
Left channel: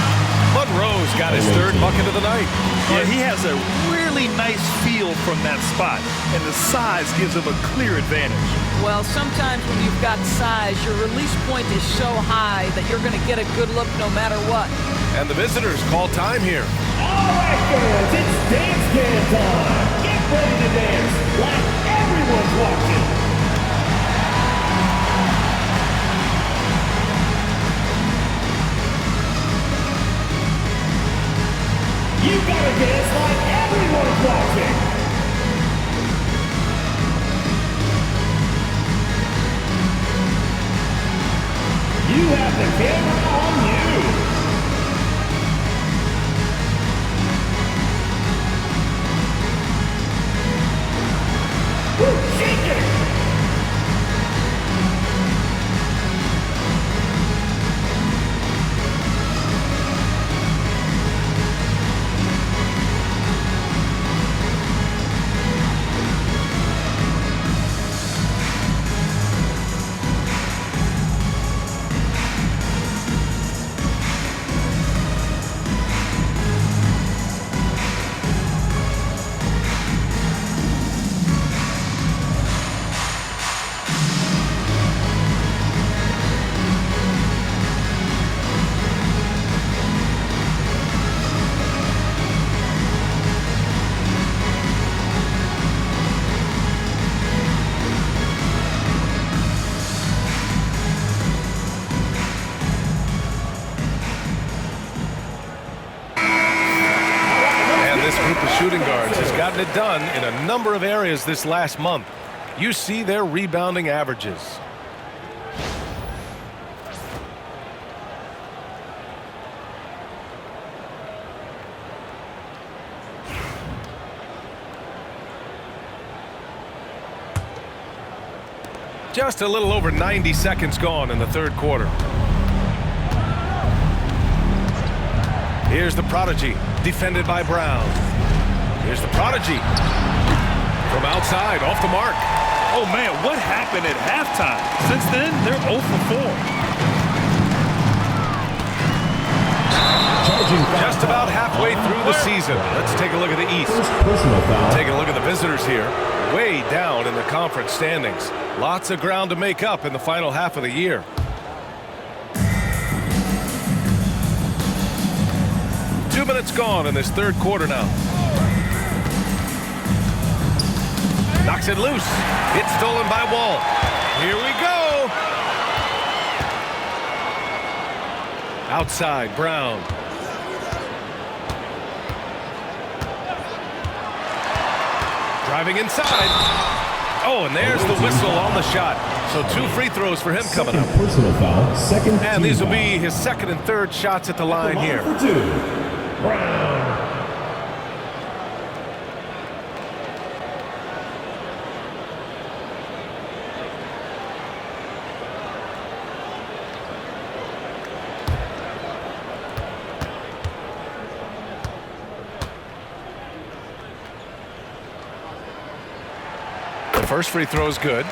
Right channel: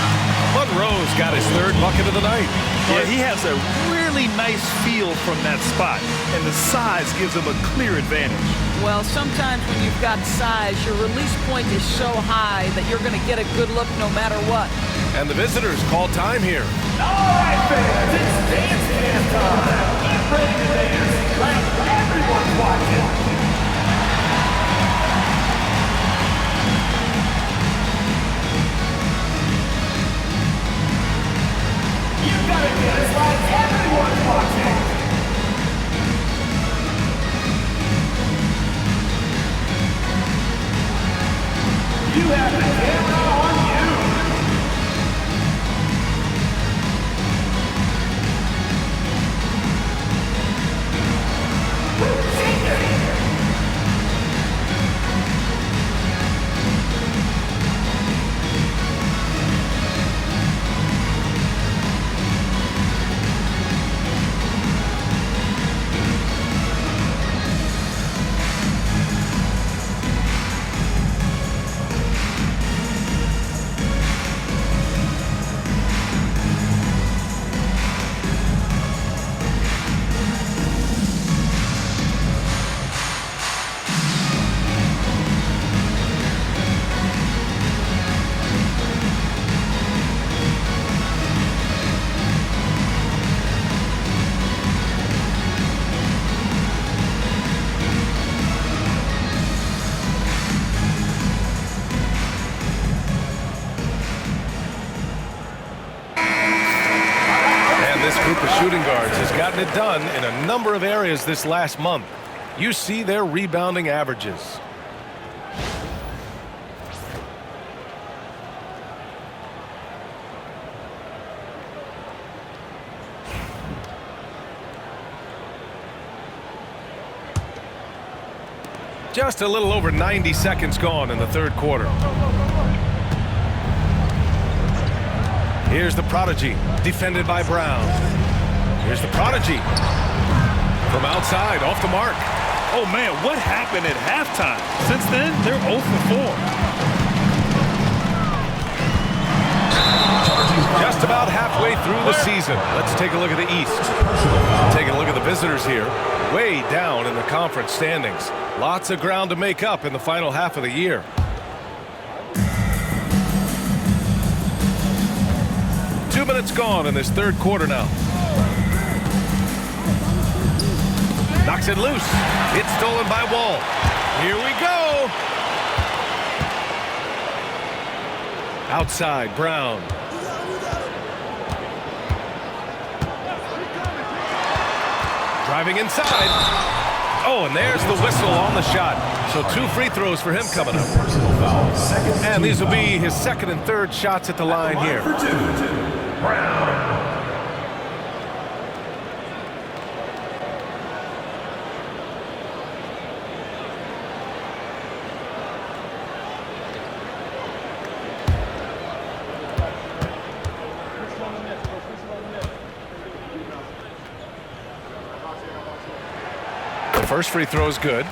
Monroe's got his third bucket of the night. Yeah, he has a really nice feel from that spot, and the size gives him a clear advantage. Well, sometimes when you've got size, your release point is so high that you're going to get a good look no matter what. And the visitors call time here. All right, fans, it's dance cam time. Get ready to dance like everyone's watching. You gotta dance like everyone's watching. You have the camera on you. Woo, shake it. This group of shooting guards has gotten it done in a number of areas this last month. You see their rebounding averages. Just a little over 90 seconds gone in the third quarter. Here's the prodigy, defended by Brown. Here's the prodigy. From outside, off the mark. Oh, man, what happened at halftime? Since then, they're 0 for 4. Just about halfway through the season. Let's take a look at the East. Taking a look at the visitors here. Way down in the conference standings. Lots of ground to make up in the final half of the year. 2 minutes gone in this third quarter now. Knocks it loose. It's stolen by Wall. Here we go. Outside, Brown. Driving inside. Oh, and there's the whistle on the shot. So 2 free throws for him coming up. Personal foul, second. And these will be his second and third shots at the line here. For 2. Brown. The first free throw is good.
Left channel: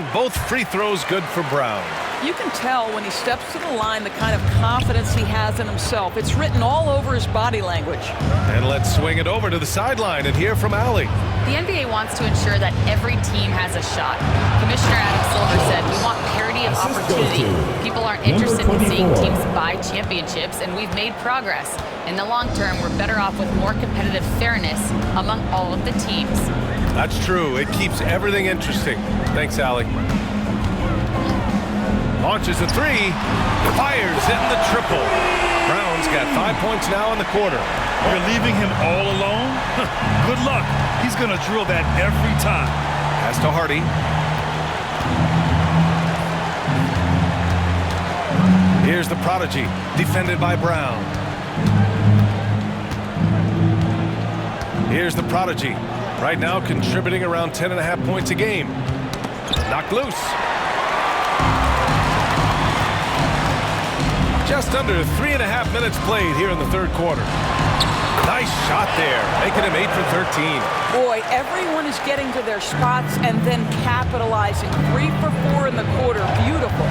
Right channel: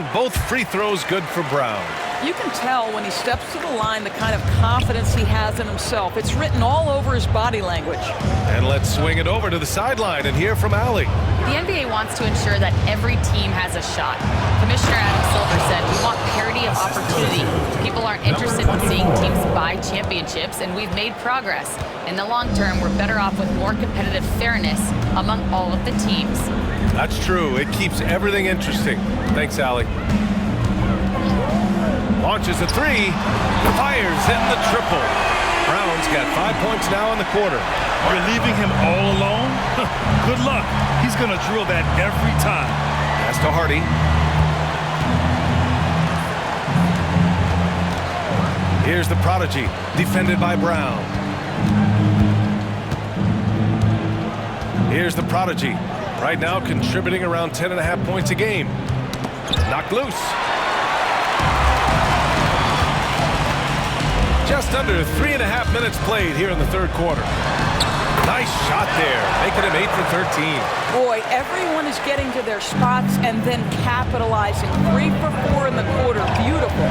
And both free throws good for Brown. You can tell when he steps to the line the kind of confidence he has in himself. It's written all over his body language. And let's swing it over to the sideline and hear from Allie. The NBA wants to ensure that every team has a shot. Commissioner Adam Silver said, we want parity of opportunity. People aren't interested in seeing teams buy championships, and we've made progress. In the long term, we're better off with more competitive fairness among all of the teams. That's true. It keeps everything interesting. Thanks, Allie. Launches a three, fires in the triple. Brown's got 5 points now in the quarter. You're leaving him all alone? Good luck. He's going to drill that every time. Pass to Hardy. Here's the prodigy, defended by Brown. Here's the prodigy, right now contributing around 10.5 points a game. Knocked loose. Just under 3.5 minutes played here in the third quarter. Nice shot there, making him 8 for 13. Boy, everyone is getting to their spots and then capitalizing. 3 for 4 in the quarter. Beautiful.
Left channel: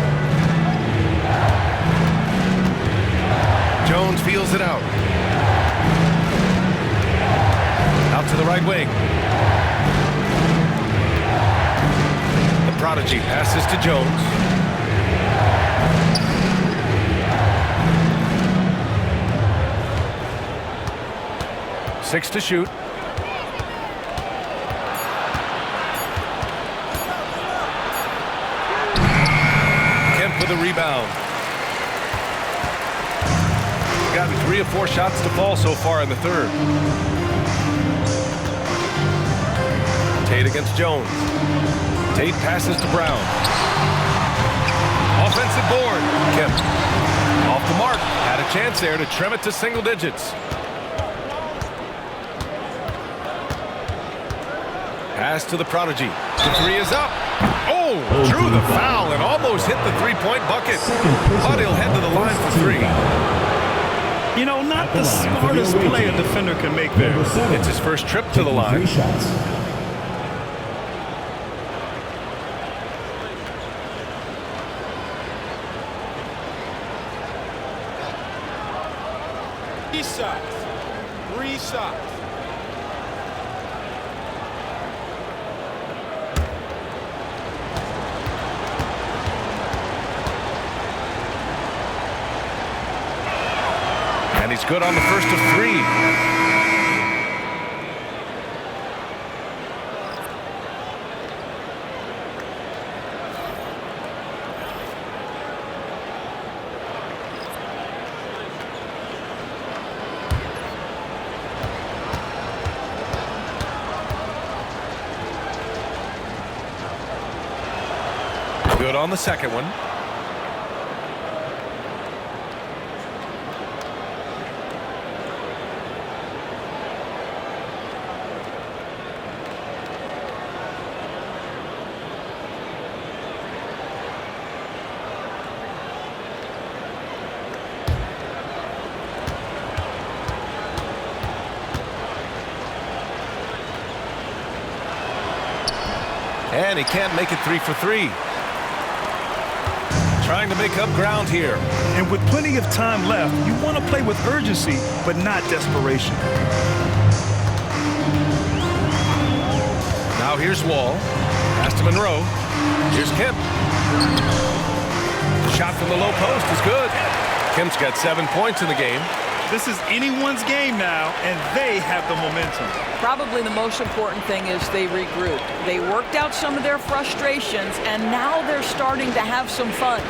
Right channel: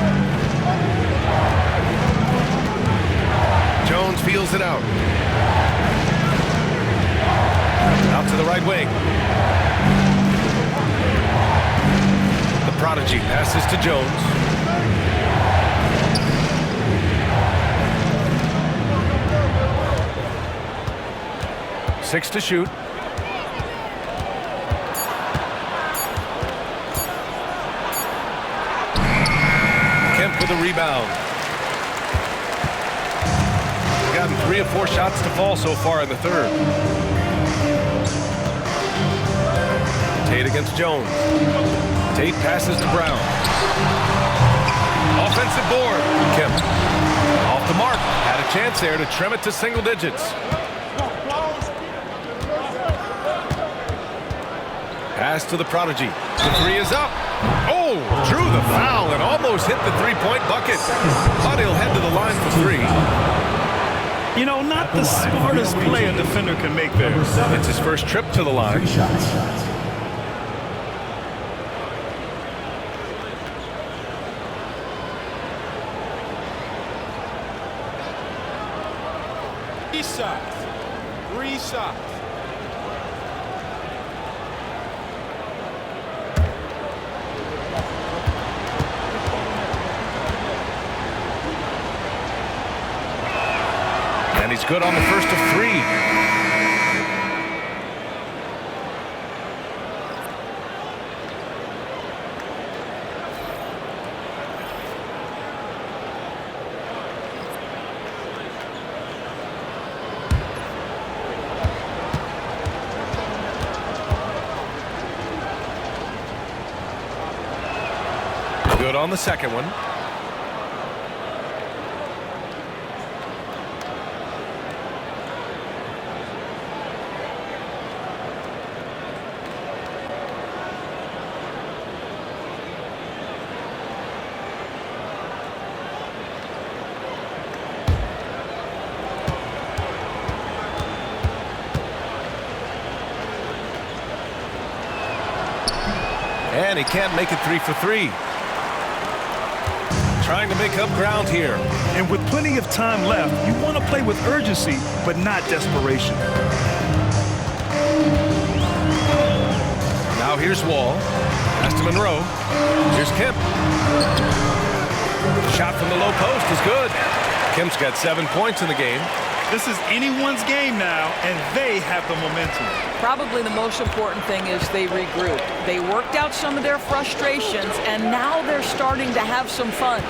Jones feels it out. Out to the right wing. The prodigy passes to Jones. Six to shoot. Kemp with a rebound. Gotten 3 or 4 shots to fall so far in the third. Tate against Jones. Tate passes to Brown. Offensive board. Kemp off the mark. Had a chance there to trim it to single digits. Pass to the prodigy. The three is up. Oh, drew the foul and almost hit the three-point bucket. But he'll head to the line for 3. You know, not the smartest play a defender can make there. It's his first trip to the line. 3 shots. Three shots. And he's good on the first of 3. Good on the second one. And he can't make it 3 for 3. Trying to make up ground here. And with plenty of time left, you want to play with urgency, but not desperation. Now here's Wall. Pass to Monroe. Here's Kemp. The shot from the low post is good. Kemp's got 7 points in the game. This is anyone's game now, and they have the momentum. Probably the most important thing is they regrouped. They worked out some of their frustrations, and now they're starting to have some fun.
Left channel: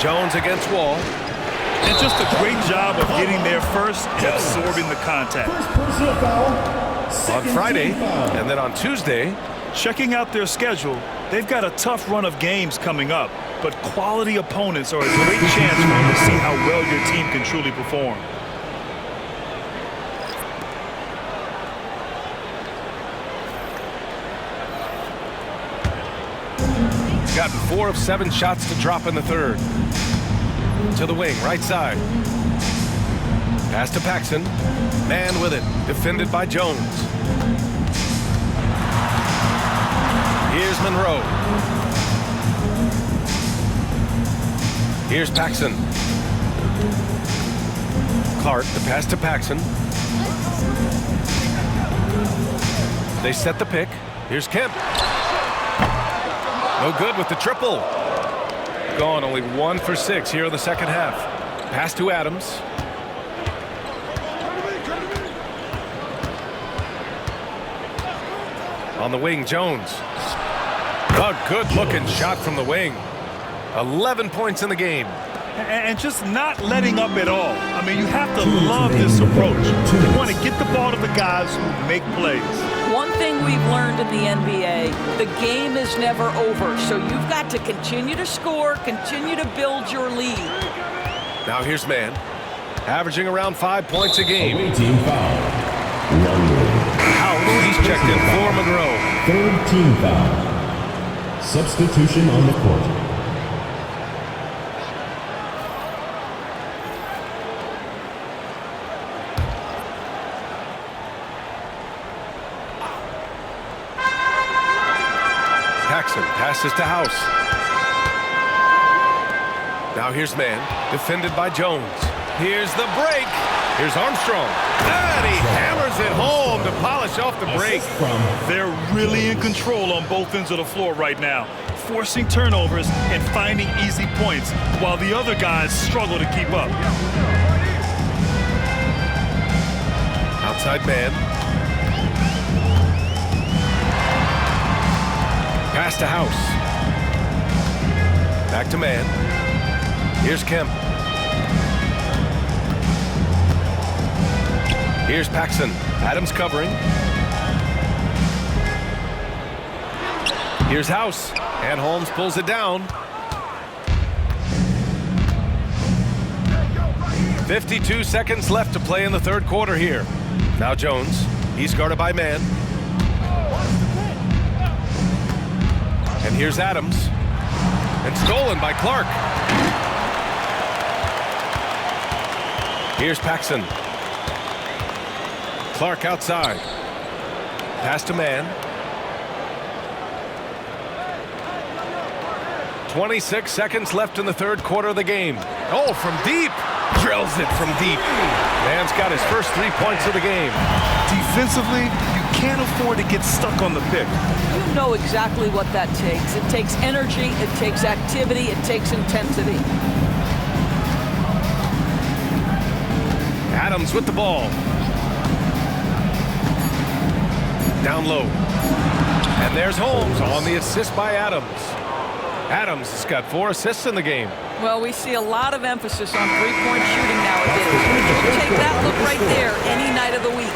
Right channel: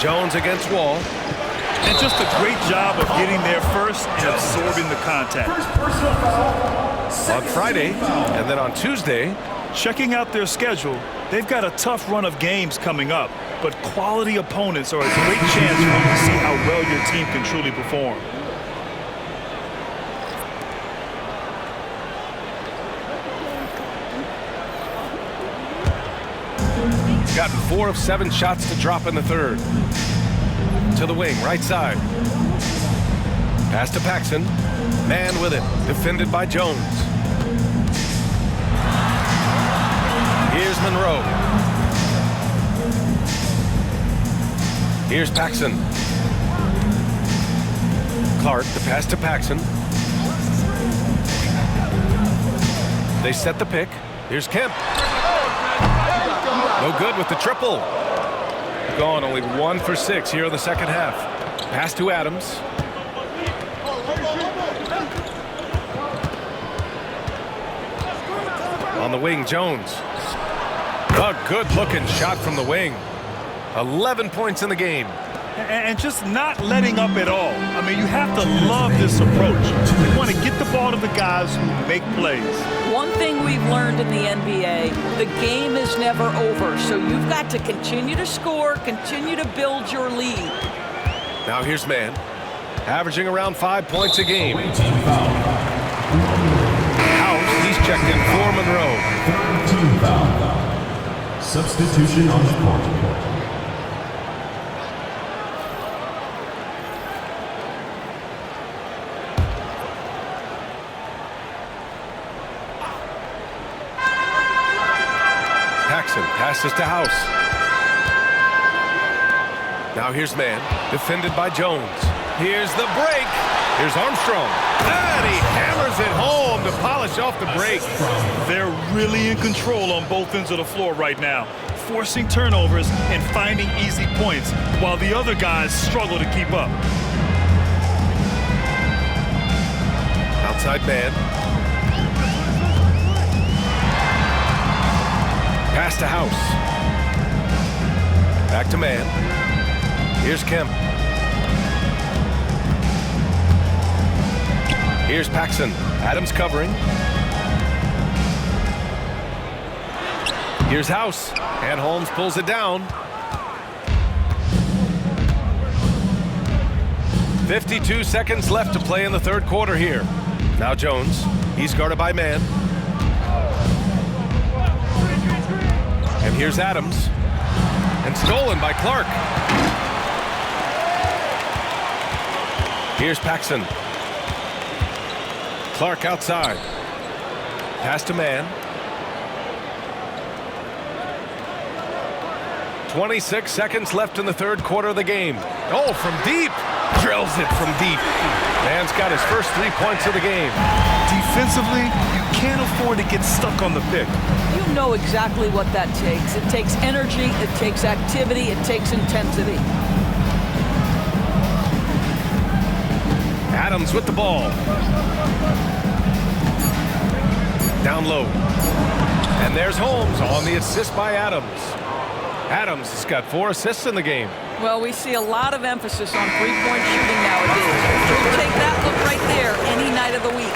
Jones against Wall. And just a great job of getting there first and absorbing the contact. First personal foul. On Friday, and then on Tuesday. Checking out their schedule, they've got a tough run of games coming up, but quality opponents are a great chance for you to see how well your team can truly perform. Gotten 4 of 7 shots to drop in the third. To the wing, right side. Pass to Paxson. Man with it, defended by Jones. Here's Monroe. Here's Paxson. Clark, the pass to Paxson. They set the pick. Here's Kemp. No good with the triple. Gone only 1 for 6 here in the second half. Pass to Adams. On the wing, Jones. A good-looking shot from the wing. 11 points in the game. And just not letting up at all. I mean, you have to love this approach. You want to get the ball to the guys who make plays. One thing we've learned in the NBA, the game is never over. So you've got to continue to score, continue to build your lead. Now here's Mann, averaging around 5 points a game. Away team foul. House, he's checked in for Monroe. Third team foul. Substitution on the court. Paxson passes to House. Now here's Mann, defended by Jones. Here's the break. Here's Armstrong. And he hammers it home to polish off the break. They're really in control on both ends of the floor right now, forcing turnovers and finding easy points while the other guys struggle to keep up. Outside Mann. Pass to House. Back to Mann. Here's Kemp. Here's Paxson. Adams covering. Here's House. And Holmes pulls it down. 52 seconds left to play in the third quarter here. Now Jones. He's guarded by Mann. And here's Adams. And stolen by Clark. Here's Paxson. Clark outside. Pass to Mann. 26 seconds left in the third quarter of the game. Oh, from deep. Drills it from deep. Mann's got his first 3 points of the game. Defensively, you can't afford to get stuck on the pick. You know exactly what that takes. It takes energy, it takes activity, it takes intensity. Adams with the ball. Down low. And there's Holmes on the assist by Adams. Adams has got 4 assists in the game. Well, we see a lot of emphasis on three-point shooting nowadays. You'll take that look right there any night of the week.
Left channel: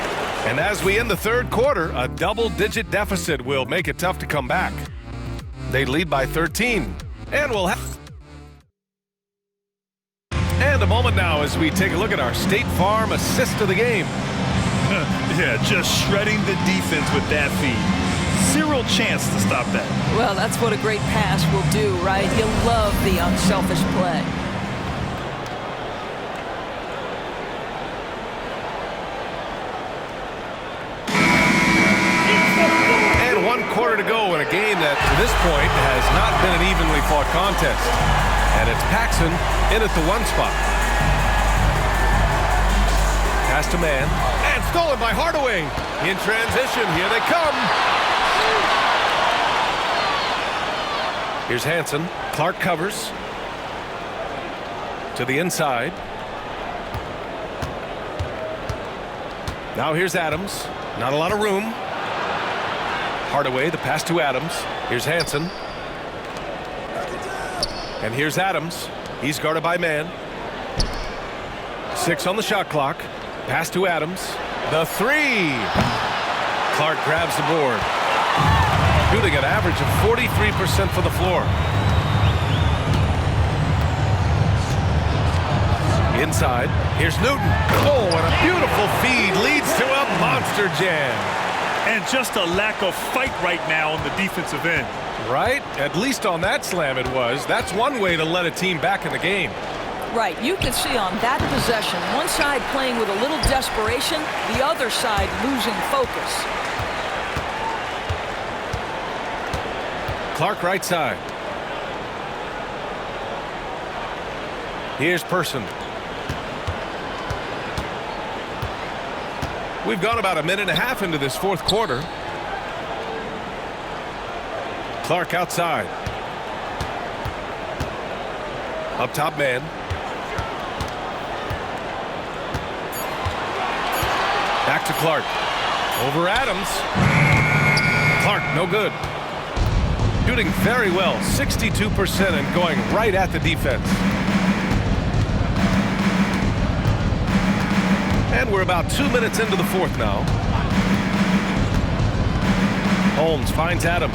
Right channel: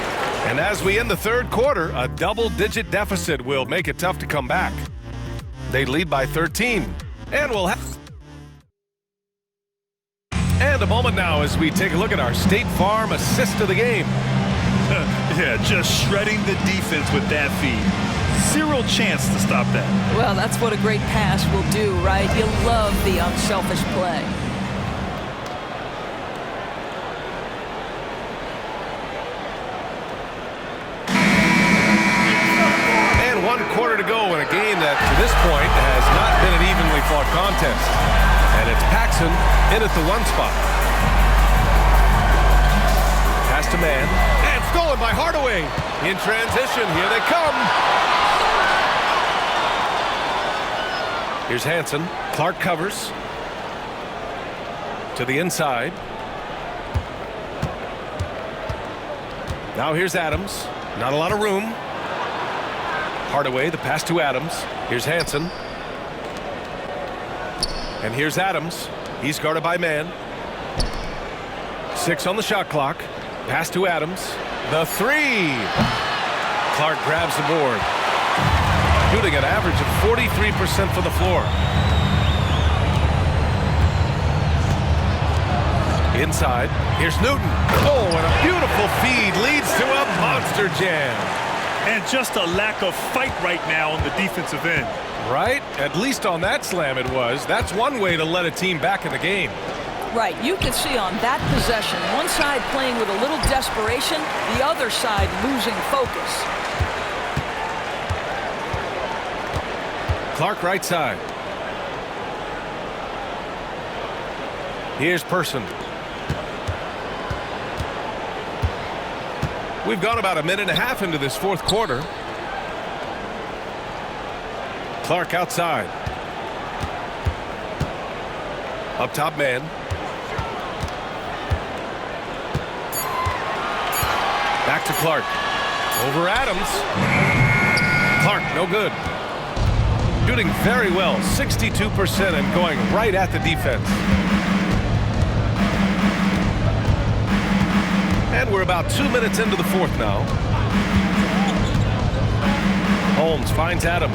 And as we end the third quarter, a double-digit deficit will make it tough to come back. They lead by 13. And we'll have... And a moment now as we take a look at our State Farm assist of the game. Yeah, just shredding the defense with that feed. Zero chance to stop that. Well, that's what a great pass will do, right? You love the unselfish play. And 1 quarter to go in a game that, to this point, has not been an evenly fought contest. And it's Paxson in at the 1 spot. Pass to Mann. And stolen by Hardaway. In transition, here they come. Here's Hansen. Clark covers. To the inside. Now here's Adams. Not a lot of room. Hardaway, the pass to Adams. Here's Hansen. And here's Adams. He's guarded by Mann. 6 on the shot clock. Pass to Adams. The 3. Clark grabs the board. Shooting an average of 43% for the floor. Inside. Here's Newton. Oh, and a beautiful feed leads to a monster jam. And just a lack of fight right now on the defensive end. Right? At least on that slam it was. That's one way to let a team back in the game. Right, you can see on that possession, one side playing with a little desperation, the other side losing focus. Clark right side. Here's Person. We've gone about a minute and a half into this fourth quarter. Clark outside. Up top man. Back to Clark. Over Adams. Clark, no good. Shooting very well, 62% and going right at the defense. And we're about 2 minutes into the fourth now. Holmes finds Adams.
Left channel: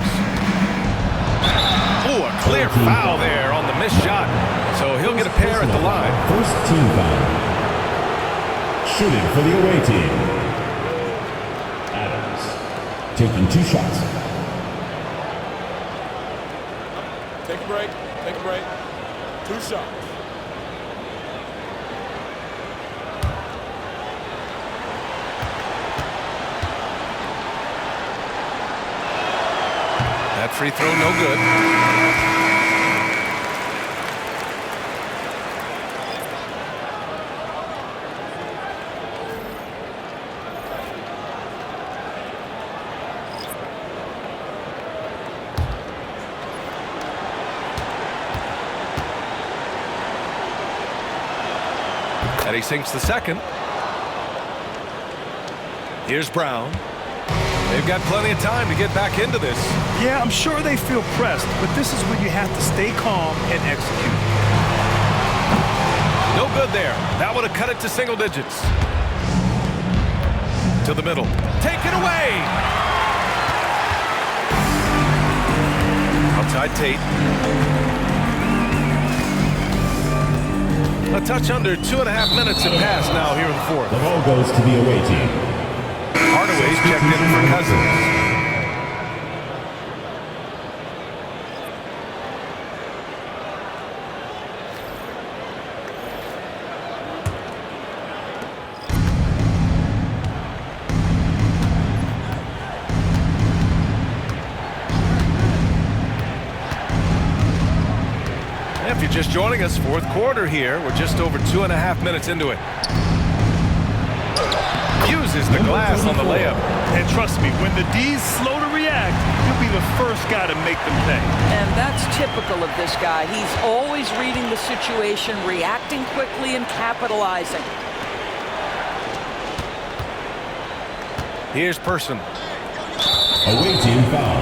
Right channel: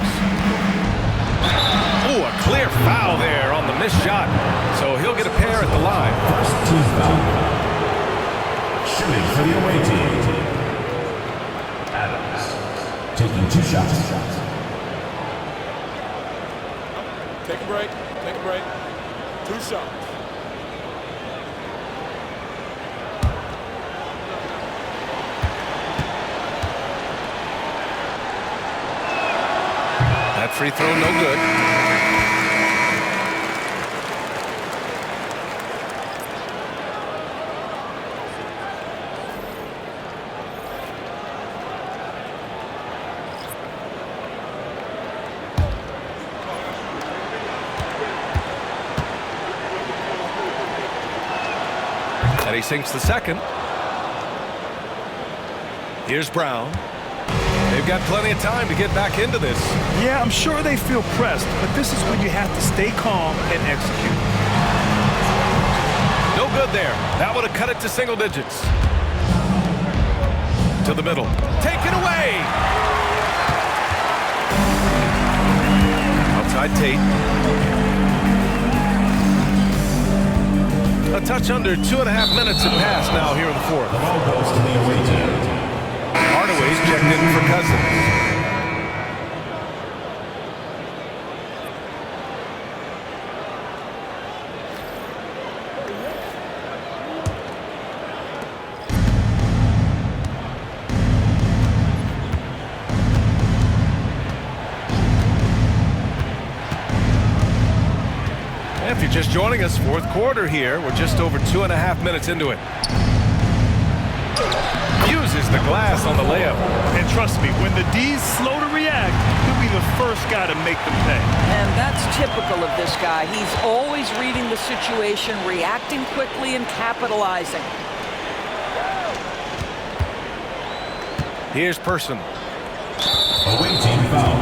Ooh, a clear foul there on the missed shot. So he'll get a pair at the line. First team foul. Shooting for the away team. Adams taking 2 shots. Take a break. Take a break. 2 shots. That free throw no good. And he sinks the second. Here's Brown. They've got plenty of time to get back into this. Yeah, I'm sure they feel pressed, but this is when you have to stay calm and execute. No good there. That would have cut it to single digits. To the middle. Take it away. Outside Tate. A touch under 2.5 minutes have passed now here in the fourth. The ball goes to the away team. Hardaway's checked in for Cousins. If you're just joining us, fourth quarter here. We're just over 2.5 minutes into it. Uses the glass on the layup. And trust me, when the D's slow to react, he'll be the first guy to make them pay. And that's typical of this guy. He's always reading the situation, reacting quickly, and capitalizing. Here's Person. Away team foul.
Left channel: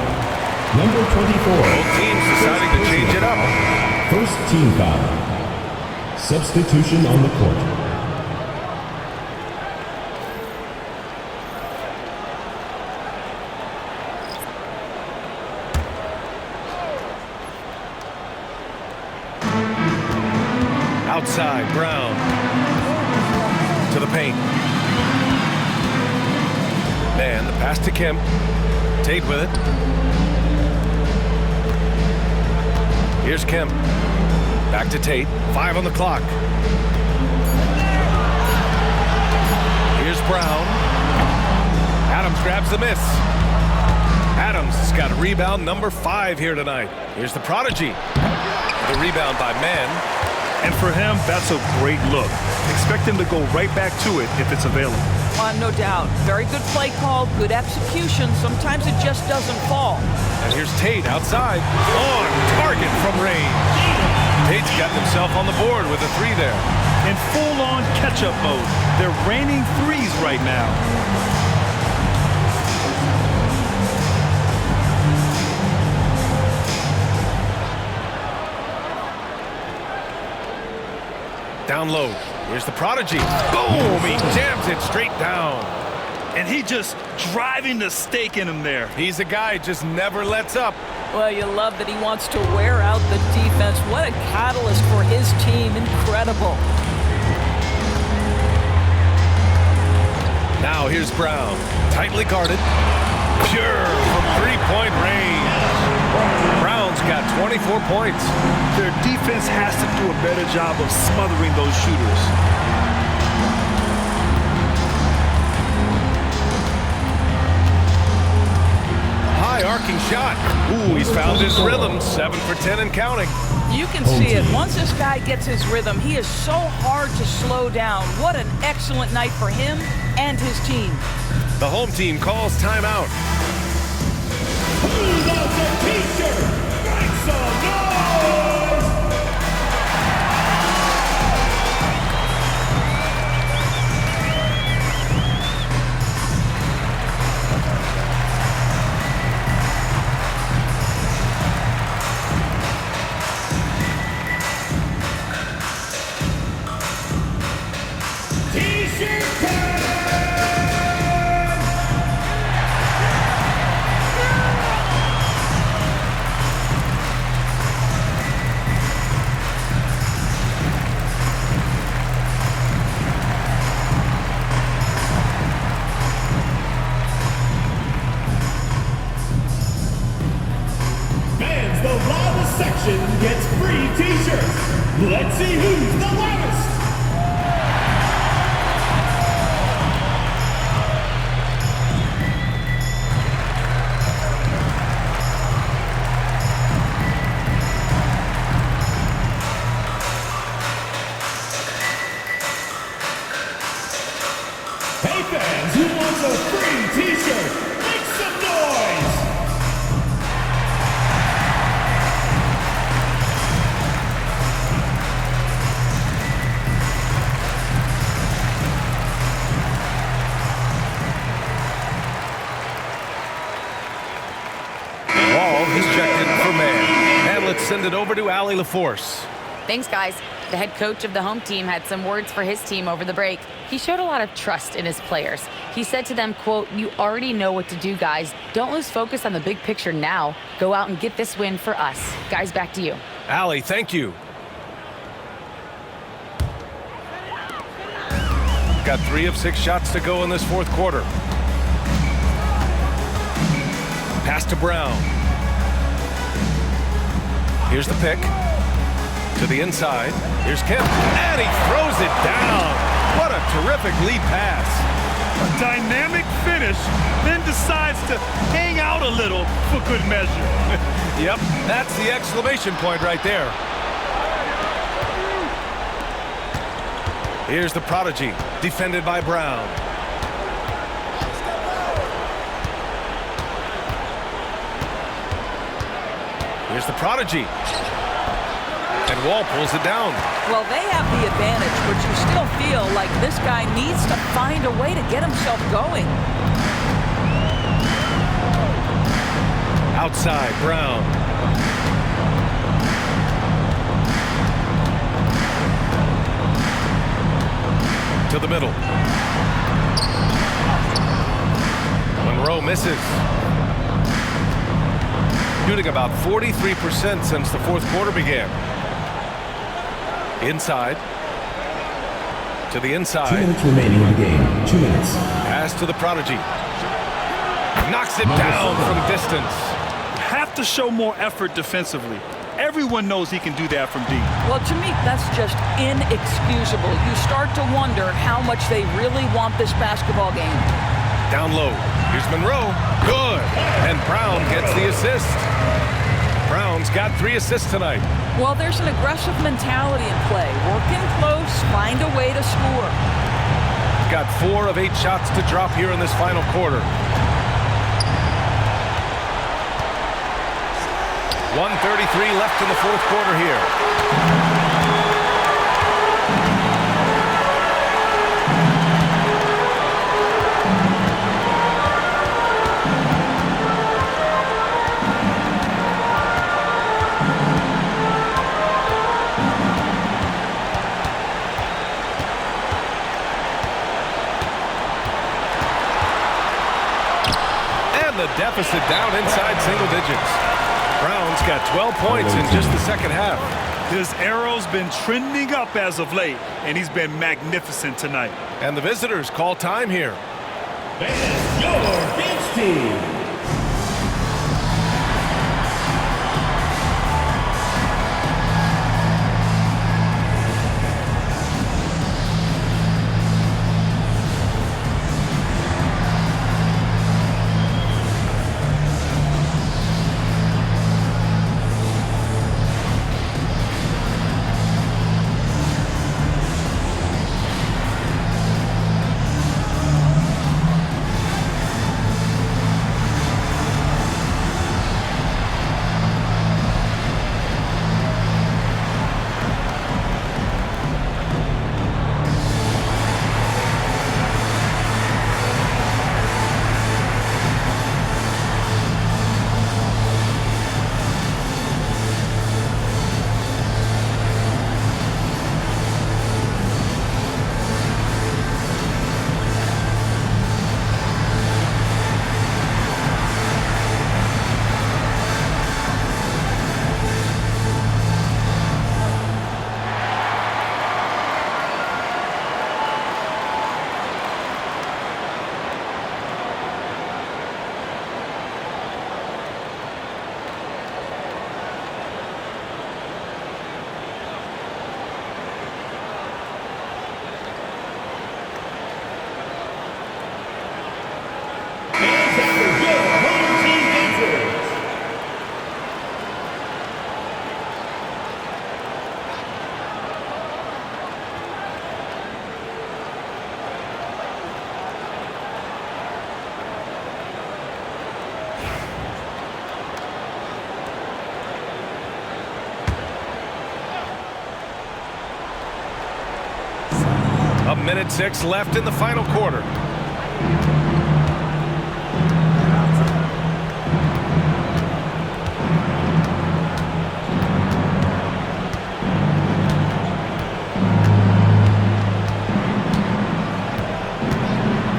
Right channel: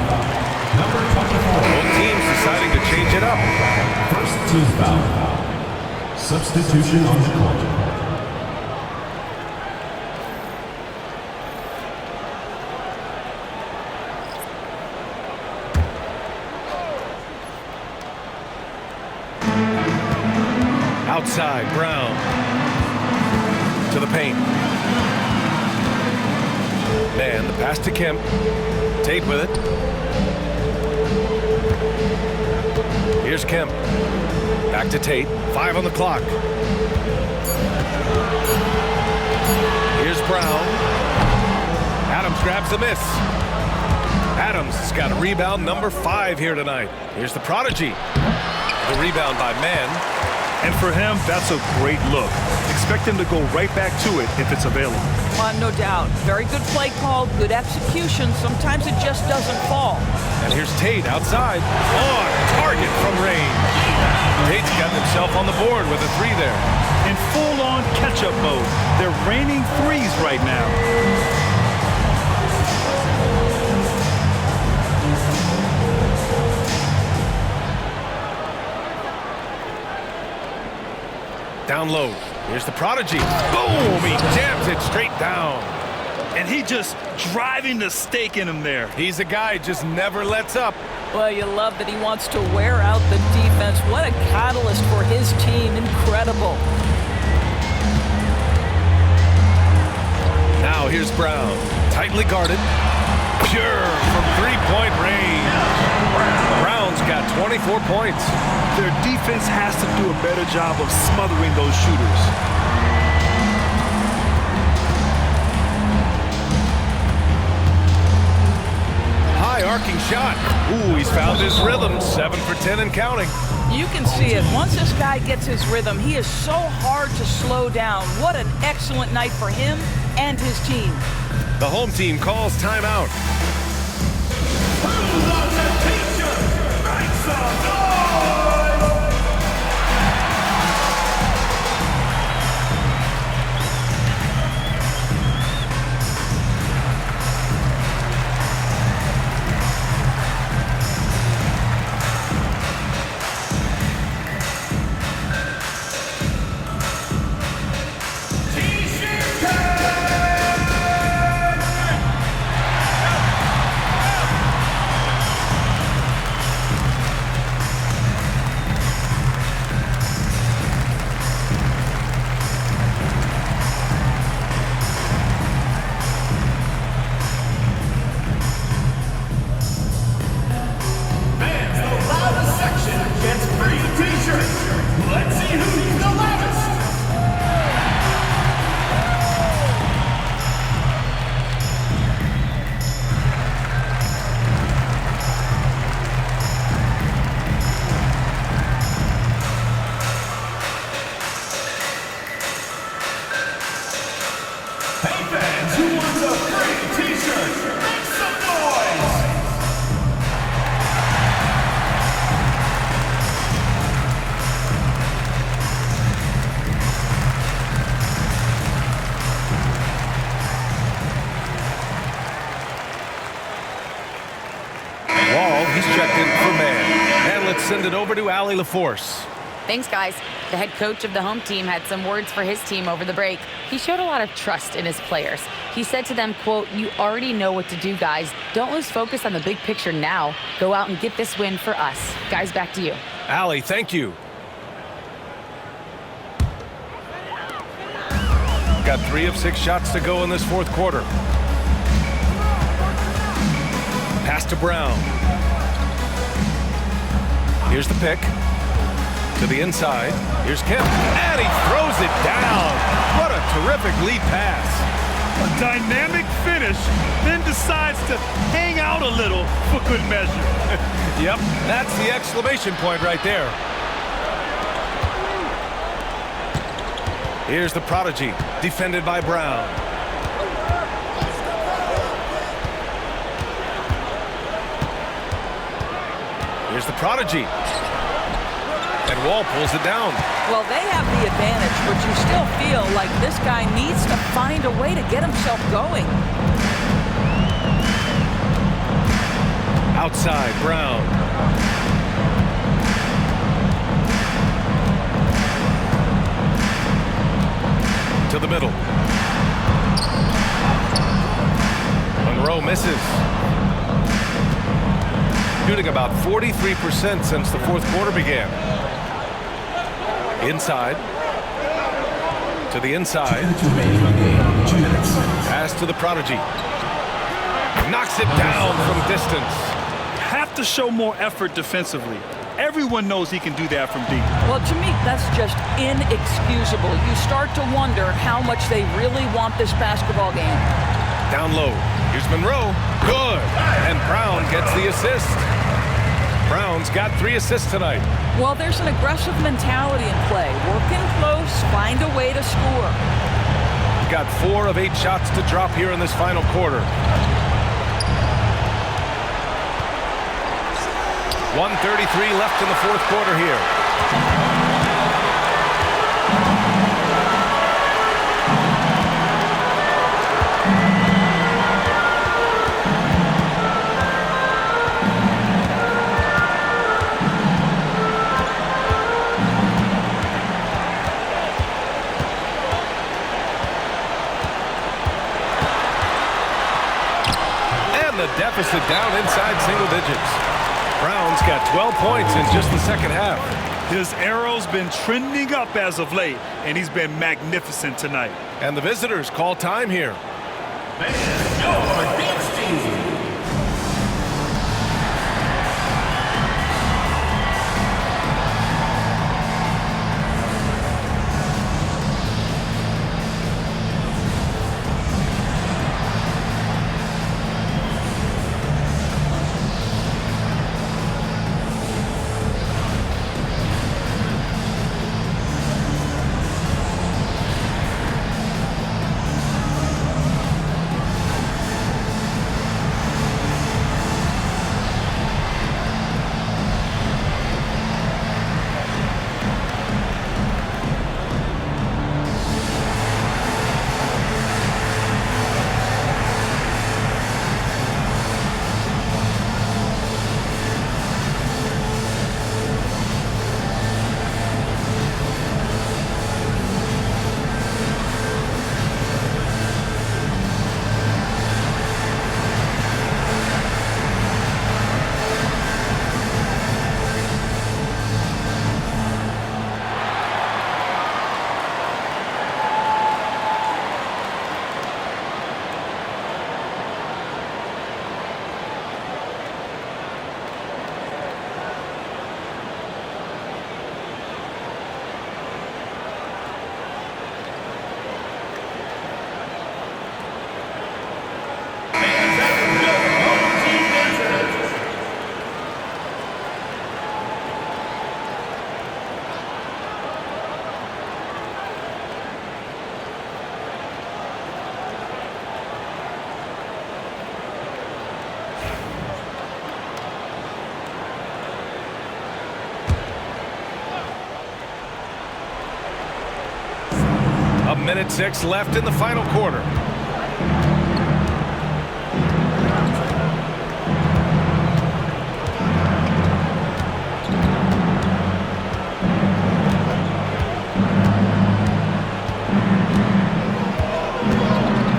Number 24. Both teams deciding to change it up. First team foul. Substitution on the court. Outside, Brown. To the paint. Man, the pass to Kemp. Tate with it. Here's Kemp. Back to Tate. 5 on the clock. Here's Brown. Adams grabs the miss. Adams has got a rebound number 5 here tonight. Here's the prodigy. The rebound by Mann. And for him, that's a great look. Expect him to go right back to it if it's available. No doubt. Very good play call, good execution. Sometimes it just doesn't fall. And here's Tate outside. On target from range. Tate's gotten himself on the board with a 3 there. In full-on catch-up mode. They're raining threes right now. Down low. Here's the prodigy. Boom! He jams it straight down. And he just driving the stake in him there. He's a guy who just never lets up. Well, you love that he wants to wear out the defense. What a catalyst for his team. Incredible. Now here's Brown. Tightly guarded. Pure from three-point range. Brown's got 24 points. Their defense has to do a better job of smothering those shooters. High arcing shot. Ooh, he's found his rhythm. 7 for 10 and counting. You can see it. Once this guy gets his rhythm, he is so hard to slow down. What an excellent night for him and his team. The home team calls timeout. Who loves a t-shirt? Make some noise! T-shirt time! Fans, the loudest section gets free t-shirts. Let's see who's the loudest. Hey fans, who wants a free t-shirt? Make some noise! Wall, he's checked in for man. And let's send it over to Allie LaForce. Thanks, guys. The head coach of the home team had some words for his team over the break. He showed a lot of trust in his players. He said to them, quote, "You already know what to do, guys. Don't lose focus on the big picture now. Go out and get this win for us." Guys, back to you. Allie, thank you. Got 3 of 6 shots to go in this fourth quarter. Pass to Brown. Here's the pick. To the inside. Here's Kemp. And he throws it down. What a terrific lead pass. A dynamic finish, then decides to hang out a little for good measure. Yep, that's the exclamation point right there. Here's the prodigy, defended by Brown. Here's the prodigy. And Wall pulls it down. Well, they have the advantage, but you still feel like this guy needs to find a way to get himself going. Outside, Brown. To the middle. Monroe misses. Shooting about 43% since the fourth quarter began. Inside. To the inside. 2 minutes remaining in the game. 2 minutes. Pass to the prodigy. Knocks it down from distance. Have to show more effort defensively. Everyone knows he can do that from deep. Well, to me, that's just inexcusable. You start to wonder how much they really want this basketball game. Down low. Here's Monroe. Good. And Brown gets the assist. Brown's got 3 assists tonight. Well, there's an aggressive mentality in play. Work in close, find a way to score. Got 4 of 8 shots to drop here in this final quarter. 1:33 left in the fourth quarter here. And the deficit down inside single digits. Brown's got 12 points in just the second half. His arrow's been trending up as of late, and he's been magnificent tonight. And the visitors call time here. Fans, your bench team. 1:06 left in the final quarter.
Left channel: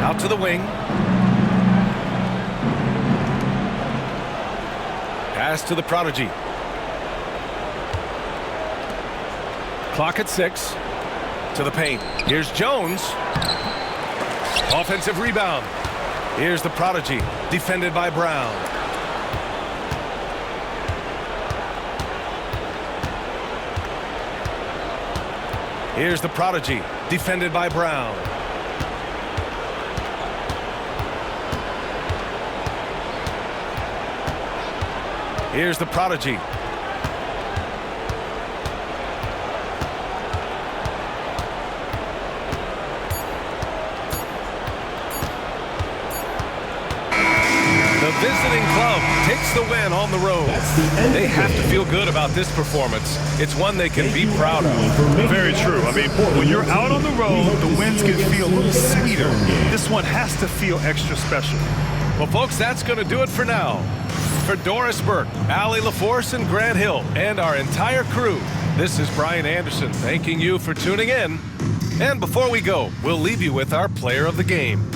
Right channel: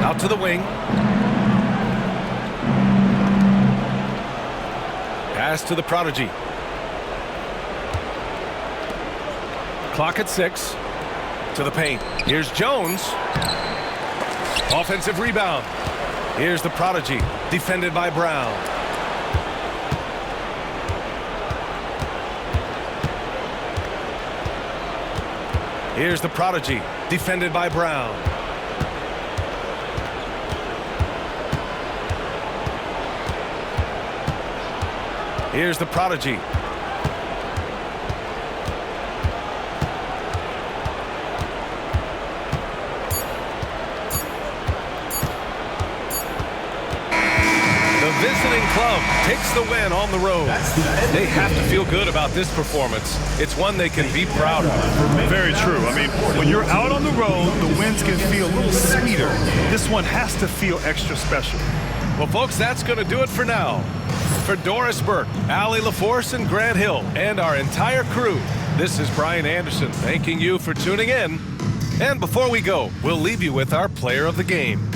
Out to the wing. Pass to the prodigy. Clock at 6. To the paint. Here's Jones. Offensive rebound. Here's the prodigy. Defended by Brown. Here's the prodigy. Defended by Brown. Here's the prodigy. The visiting club takes the win on the road. They have to feel good about this performance. It's one they can be proud of. Very true. I mean, when you're out on the road, the wins can feel a little sweeter. This one has to feel extra special. Well, folks, that's going to do it for now. For Doris Burke, Allie LaForce, and Grant Hill, and our entire crew, this is Brian Anderson thanking you for tuning in. And before we go, we'll leave you with our player of the game.